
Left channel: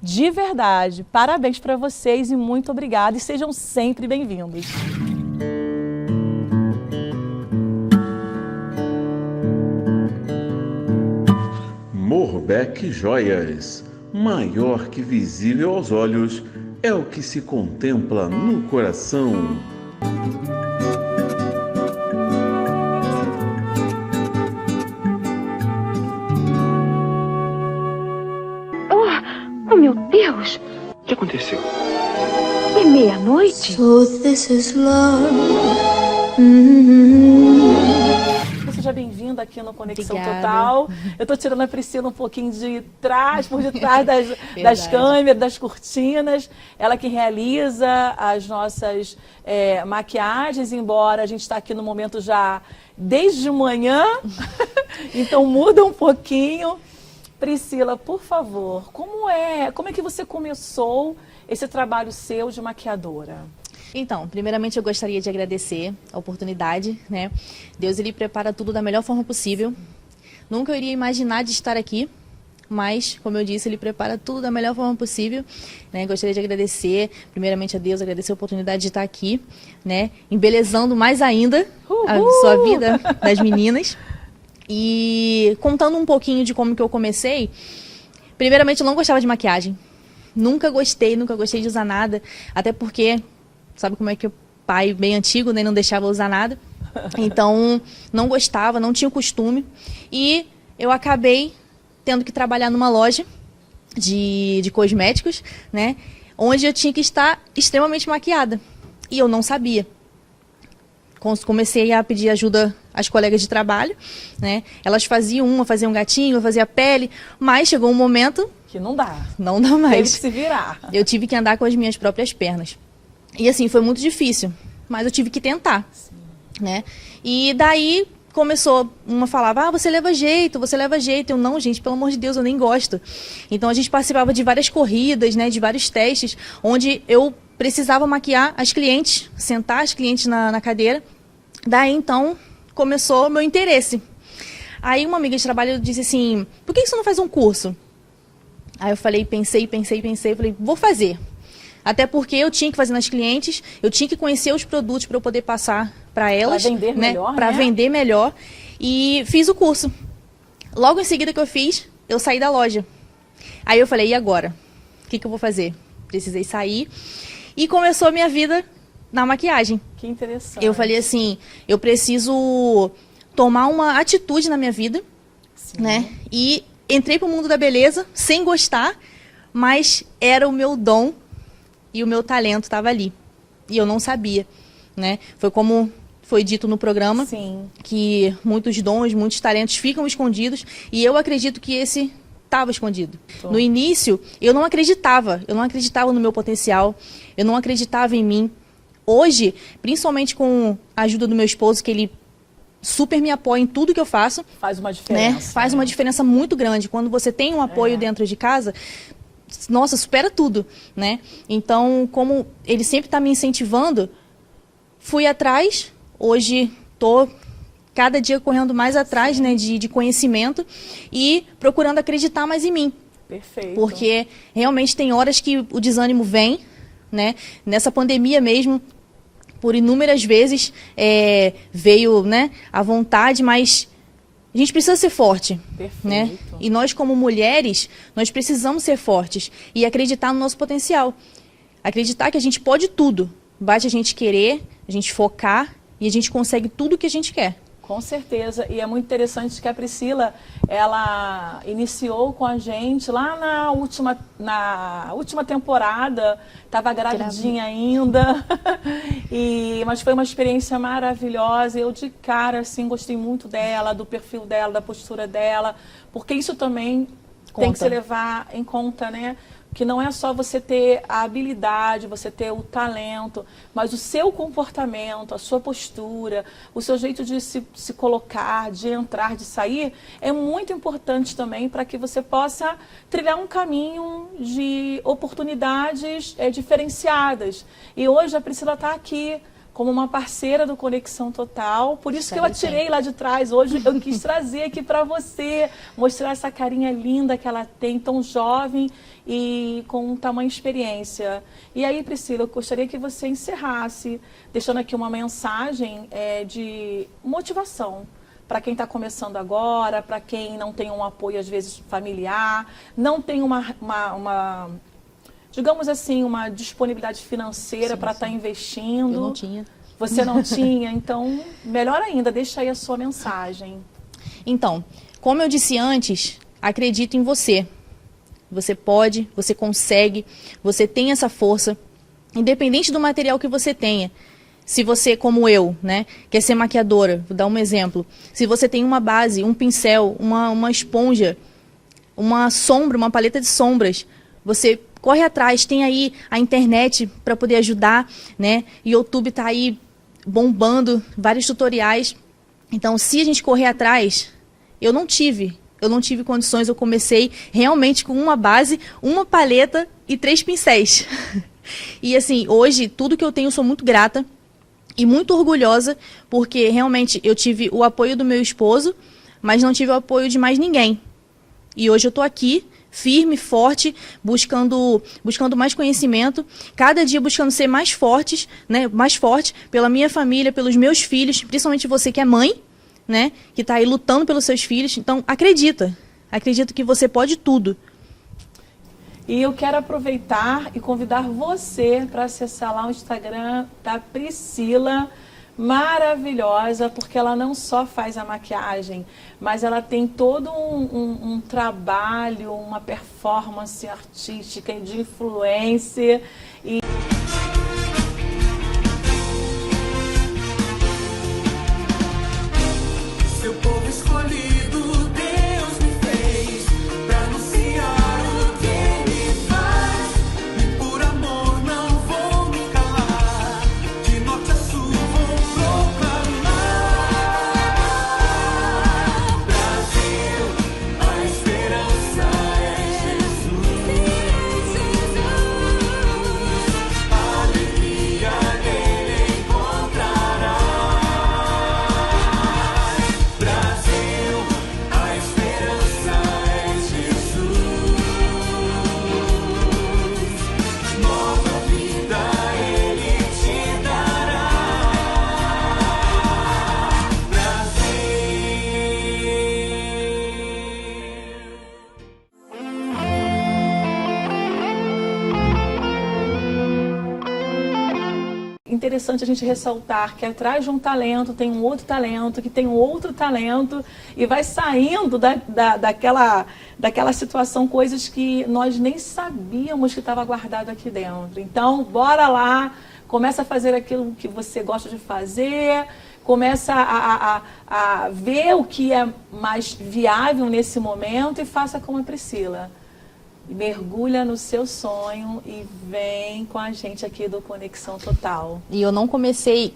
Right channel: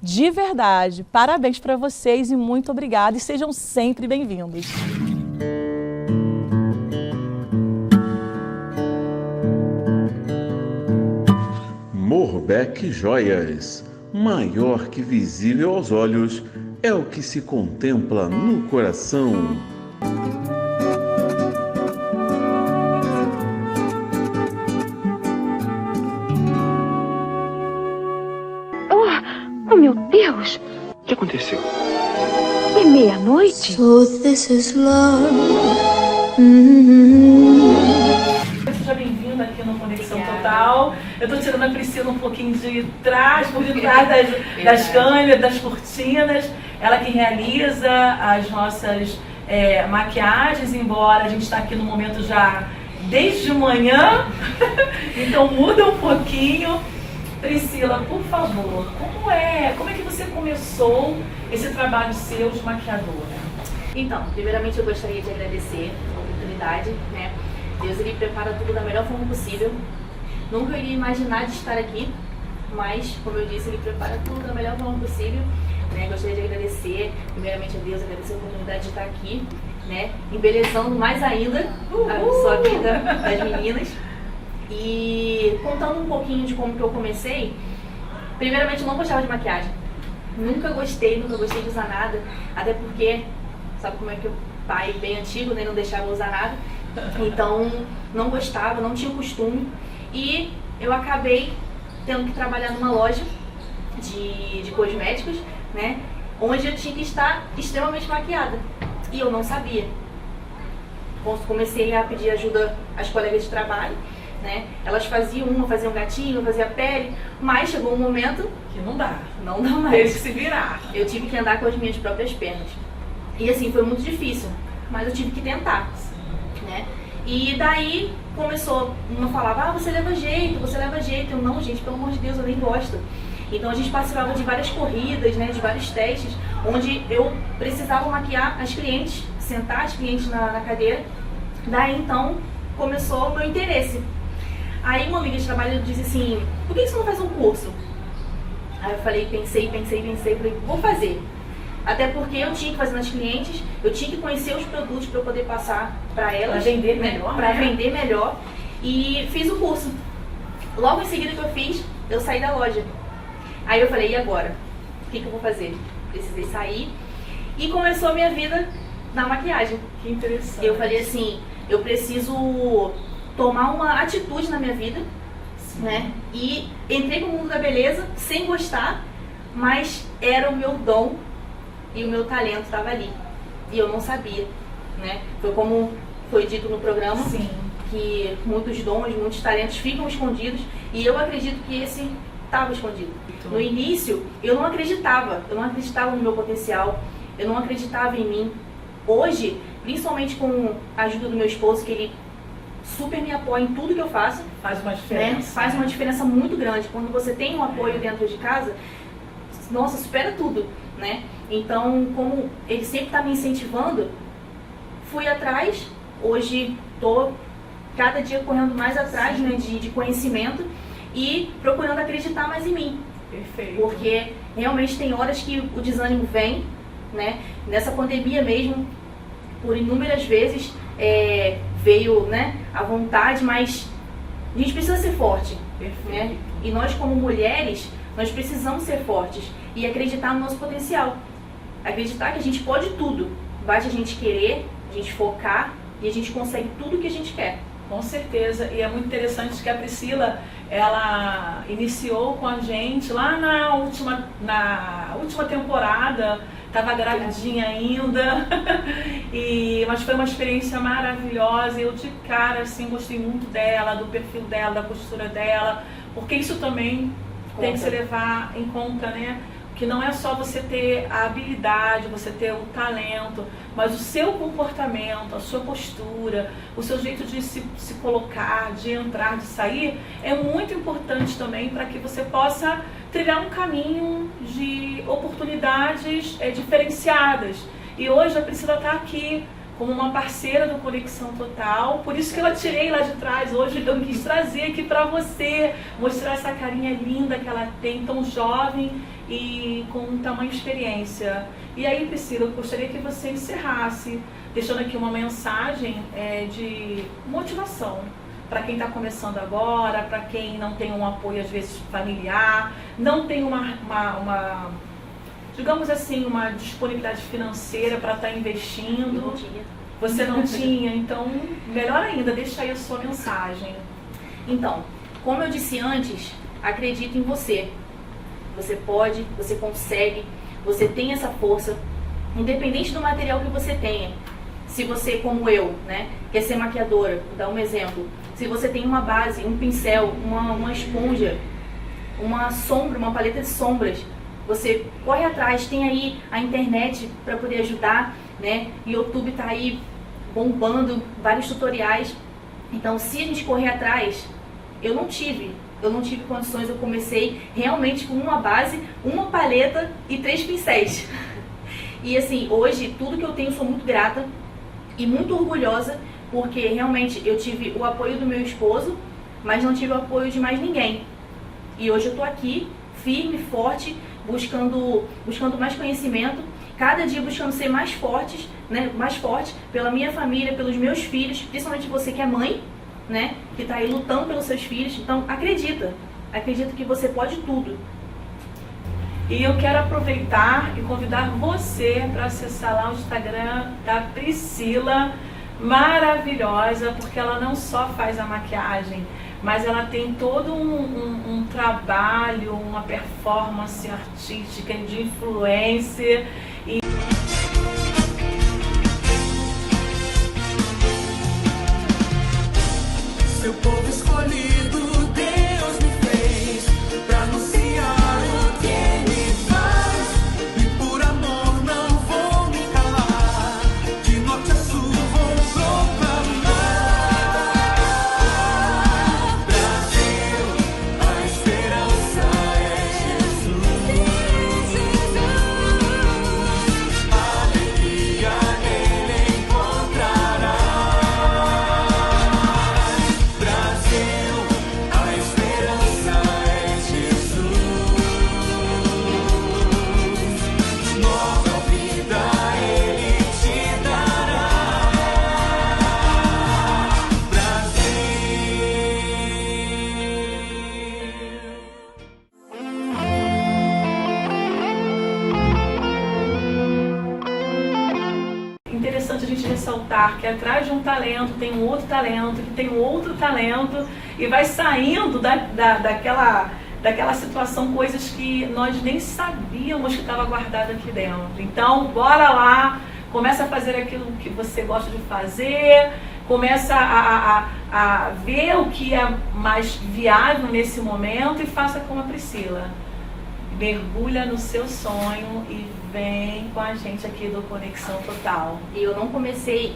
De verdade. Parabéns para vocês e muito obrigada. E sejam sempre bem-vindos. Morbeck Joias, maior que visível aos olhos, é o que se contempla no coração. Oh, meu Deus! O que aconteceu? É meia-noite? So this is love. Seja bem-vindo aqui no Conexão Total. Eu estou tirando a Priscila um pouquinho de trás, por detrás das câmeras, das cortinas. Ela que realiza as nossas maquiagens, embora a gente está aqui no momento já desde manhã, então muda um pouquinho. Priscila, por favor, como é que você começou esse trabalho seu de maquiadora? Então, primeiramente eu gostaria de agradecer a oportunidade, né? Deus, ele prepara tudo da melhor forma possível. Nunca eu iria imaginar de estar aqui, mas, como eu disse, ele prepara tudo da melhor forma possível, né? Gostaria de agradecer, primeiramente a Deus, agradecer a oportunidade de estar aqui, né? Embelezando mais ainda a sua vida das meninas. E contando um pouquinho de como que eu comecei, primeiramente eu não gostava de maquiagem. Nunca gostei de usar nada, até porque, sabe como é que o pai bem antigo, né, não deixava usar nada. Então, não gostava, não tinha o costume. E eu acabei tendo que trabalhar numa loja de cosméticos, né, onde eu tinha que estar extremamente maquiada. E eu não sabia. Comecei a pedir ajuda às colegas de trabalho, né? Elas faziam um gatinho, fazia pele, mas chegou um momento que não dá. Não dá mais. Teve que se virar. Eu tive que andar com as minhas próprias pernas. E assim, foi muito difícil, mas eu tive que tentar, né? E daí começou, uma falava, você leva jeito. Eu, não, gente, pelo amor de Deus, eu nem gosto. Então a gente participava de várias corridas, né, de vários testes, onde eu precisava maquiar as clientes, sentar as clientes na cadeira. Daí então começou o meu interesse. Aí uma amiga de trabalho disse assim, por que você não faz um curso? Aí eu falei, pensei, falei, vou fazer. Até porque eu tinha que fazer nas clientes, eu tinha que conhecer os produtos para eu poder passar para elas. Para vender melhor, para vender melhor. E fiz o curso. Logo em seguida que eu fiz, eu saí da loja. Aí eu falei, e agora? O que eu vou fazer? Precisei sair. E começou a minha vida na maquiagem. Que interessante. Eu falei assim, eu preciso tomar uma atitude na minha vida, né? E entrei pro mundo da beleza sem gostar, mas era o meu dom e o meu talento estava ali. E eu não sabia, né? Foi como foi dito no programa, que muitos dons, muitos talentos ficam escondidos, e eu acredito que esse estava escondido. No início, eu não acreditava no meu potencial, eu não acreditava em mim. Hoje, principalmente com a ajuda do meu esposo, que ele super me apoia em tudo que eu faço. Faz uma diferença. Né? Faz uma diferença muito grande. Quando você tem um apoio dentro de casa, nossa, supera tudo, né? Então, como ele sempre está me incentivando, fui atrás. Hoje, tô cada dia correndo mais atrás, né, de conhecimento e procurando acreditar mais em mim. Perfeito. Porque realmente tem horas que o desânimo vem, né? Nessa pandemia mesmo, por inúmeras vezes veio, né, a vontade, mas a gente precisa ser forte, né? E nós como mulheres, nós precisamos ser fortes e acreditar no nosso potencial. Acreditar que a gente pode tudo. Basta a gente querer, a gente focar e a gente consegue tudo o que a gente quer. Com certeza. E é muito interessante que a Priscila, ela iniciou com a gente lá na última temporada, estava gravidinha ainda, mas foi uma experiência maravilhosa. Eu de cara, assim, gostei muito dela, do perfil dela, da postura dela, porque isso também tem que se levar em conta, né? Que não é só você ter a habilidade, você ter o talento, mas o seu comportamento, a sua postura, o seu jeito de se colocar, de entrar, de sair, é muito importante também para que você possa trilhar um caminho de oportunidades diferenciadas. E hoje a Priscila está aqui como uma parceira do Conexão Total, por isso que eu a tirei lá de trás. Hoje eu quis trazer aqui para você, mostrar essa carinha linda que ela tem, tão jovem e com tamanha experiência. E aí, Priscila, eu gostaria que você encerrasse, deixando aqui uma mensagem de motivação para quem está começando agora, para quem não tem um apoio, às vezes, familiar, não tem digamos assim, uma disponibilidade financeira para estar investindo. Eu não tinha. Você não tinha, então, melhor ainda, deixa aí a sua mensagem. Então, como eu disse antes, acredito em você. Você pode, você consegue, você tem essa força, independente do material que você tenha. Se você, como eu, né, quer ser maquiadora, vou dar um exemplo. Se você tem uma base, um pincel, uma esponja, uma sombra, uma paleta de sombras, você corre atrás, tem aí a internet para poder ajudar, né? O YouTube tá aí bombando, vários tutoriais. Então, se a gente correr atrás, eu não tive condições, eu comecei realmente com uma base, uma paleta e 3 pincéis. E assim, hoje, tudo que eu tenho, eu sou muito grata e muito orgulhosa, porque realmente eu tive o apoio do meu esposo, mas não tive o apoio de mais ninguém. E hoje eu tô aqui, firme, forte, buscando mais conhecimento, cada dia buscando ser mais forte pela minha família, pelos meus filhos, principalmente você que é mãe, né, que está aí lutando pelos seus filhos. Então, acredita que você pode tudo. E eu quero aproveitar e convidar você para acessar lá o Instagram da Priscila, maravilhosa, porque ela não só faz a maquiagem, mas ela tem todo um trabalho, uma performance artística de influência. Seu povo escolhido, Deus me fez pra anunciar o que Ele faz. E por amor não vou me calar, de norte a sul vou proclamar. Brasil, a esperança é Jesus. Interessante a gente ressaltar que atrás de um talento tem um outro talento, que tem um outro talento, e vai saindo daquela situação coisas que nós nem sabíamos que estava guardado aqui dentro. Então, bora lá, começa a fazer aquilo que você gosta de fazer, começa a ver o que é mais viável nesse momento e faça como a Priscila. Mergulha no seu sonho e vem com a gente aqui do Conexão Total. E eu não comecei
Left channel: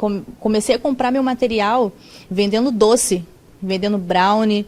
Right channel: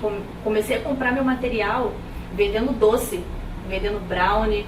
a comprar meu material vendendo doce, vendendo brownie,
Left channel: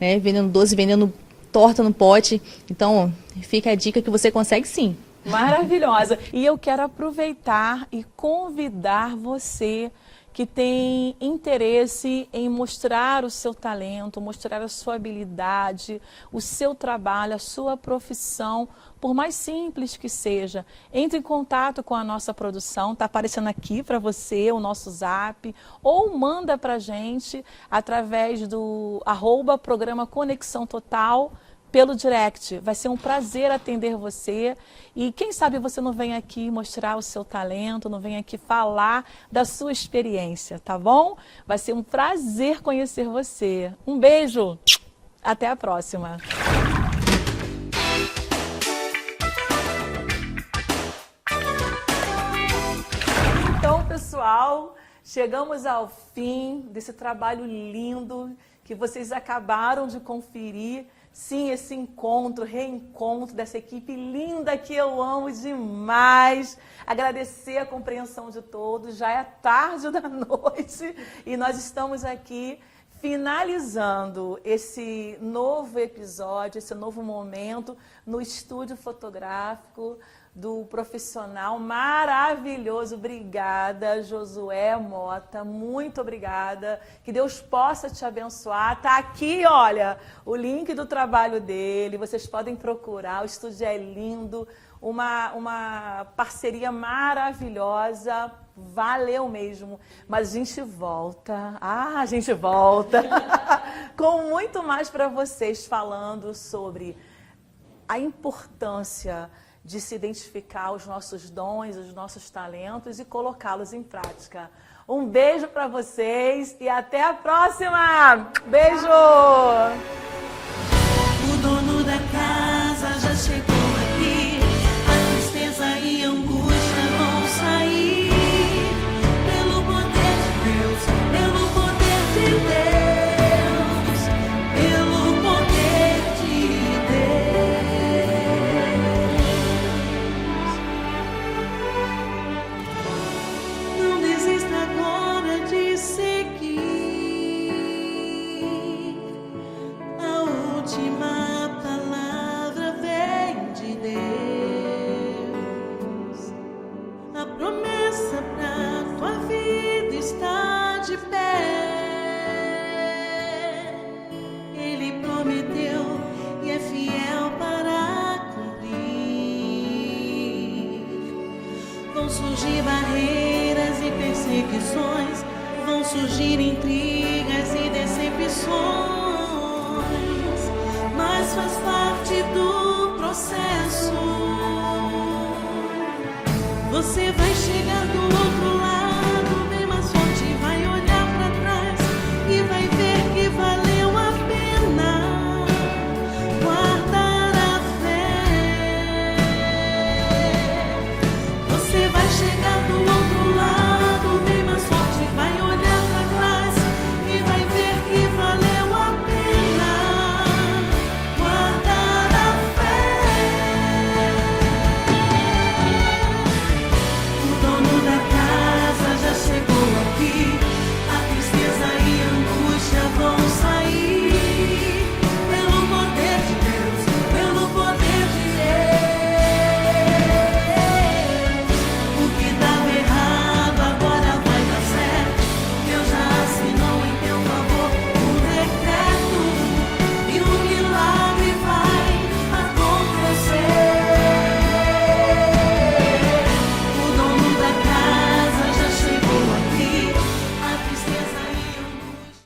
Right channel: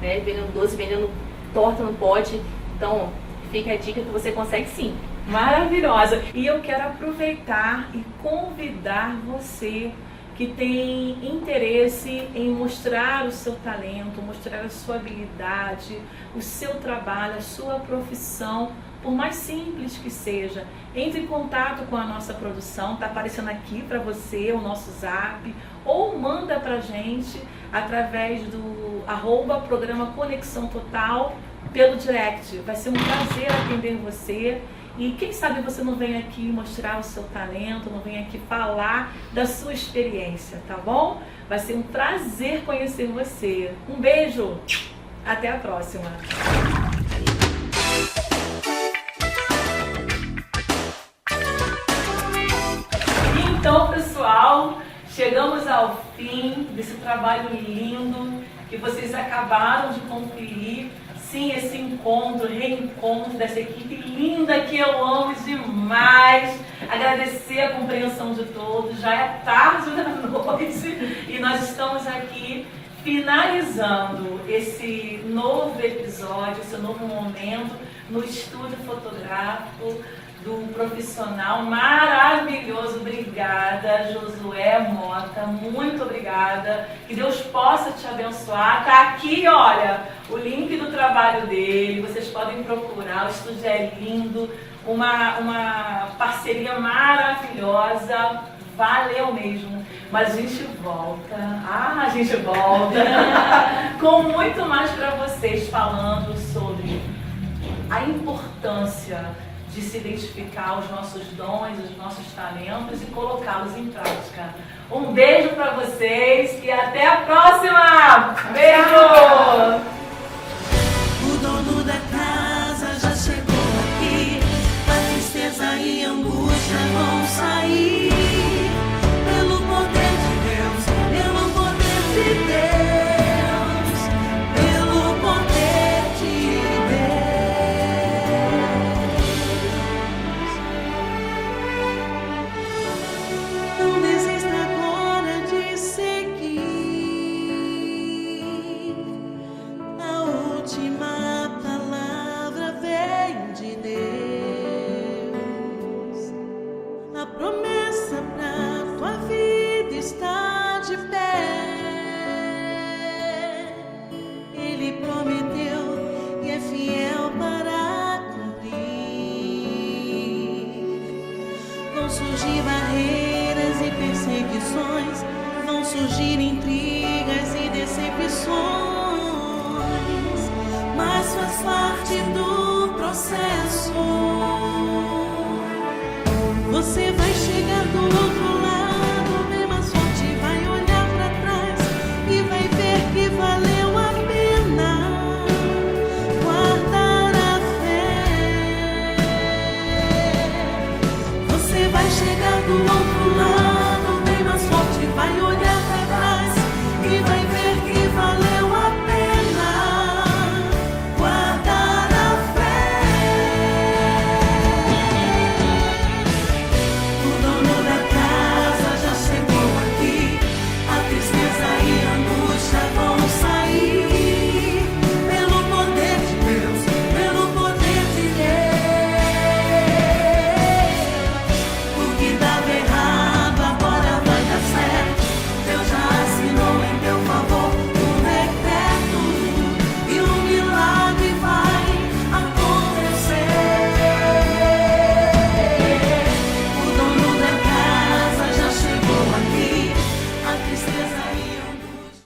vendendo doce, vendendo torta no pote. Então, fica a dica que você consegue sim. Maravilhosa! E eu quero aproveitar e convidar você que tem interesse em mostrar o seu talento, mostrar a sua habilidade, o seu trabalho, a sua profissão, por mais simples que seja. Entre em contato com a nossa produção, está aparecendo aqui para você o nosso zap, ou manda para a gente através do @programa Conexão Total pelo direct. Vai ser um prazer atender você. E quem sabe você não vem aqui mostrar o seu talento, não vem aqui falar da sua experiência, tá bom? Vai ser um prazer conhecer você. Um beijo, até a próxima. Então, pessoal, chegamos ao fim desse trabalho lindo que vocês acabaram de conferir. Sim, esse reencontro dessa equipe linda que eu amo demais. Agradecer a compreensão de todos. Já é tarde da noite e nós estamos aqui finalizando esse novo episódio, esse novo momento no estúdio fotográfico do profissional maravilhoso. Obrigada, Josué Mota, muito obrigada. Que Deus possa te abençoar. Tá aqui, olha, o link do trabalho dele, vocês podem procurar, o estúdio é lindo, uma parceria maravilhosa, valeu mesmo. Mas a gente volta, com muito mais para vocês, falando sobre a importância de se identificar os nossos dons, os nossos talentos e colocá-los em prática. Um beijo para vocês e até a próxima! Beijo! O dono da casa já chegou aqui, a tristeza e a angústia vão sair. Pelo poder de Deus, pelo poder de Deus, pelo poder de Deus. Não desista agora de seguir. A última palavra vem de Deus. A promessa pra tua vida está de pé. Ele prometeu e é fiel para cumprir. Vão surgir barreiras e perseguições, vão surgir intrigas e decepções, mas faz parte do processo. Você vai chegar do outro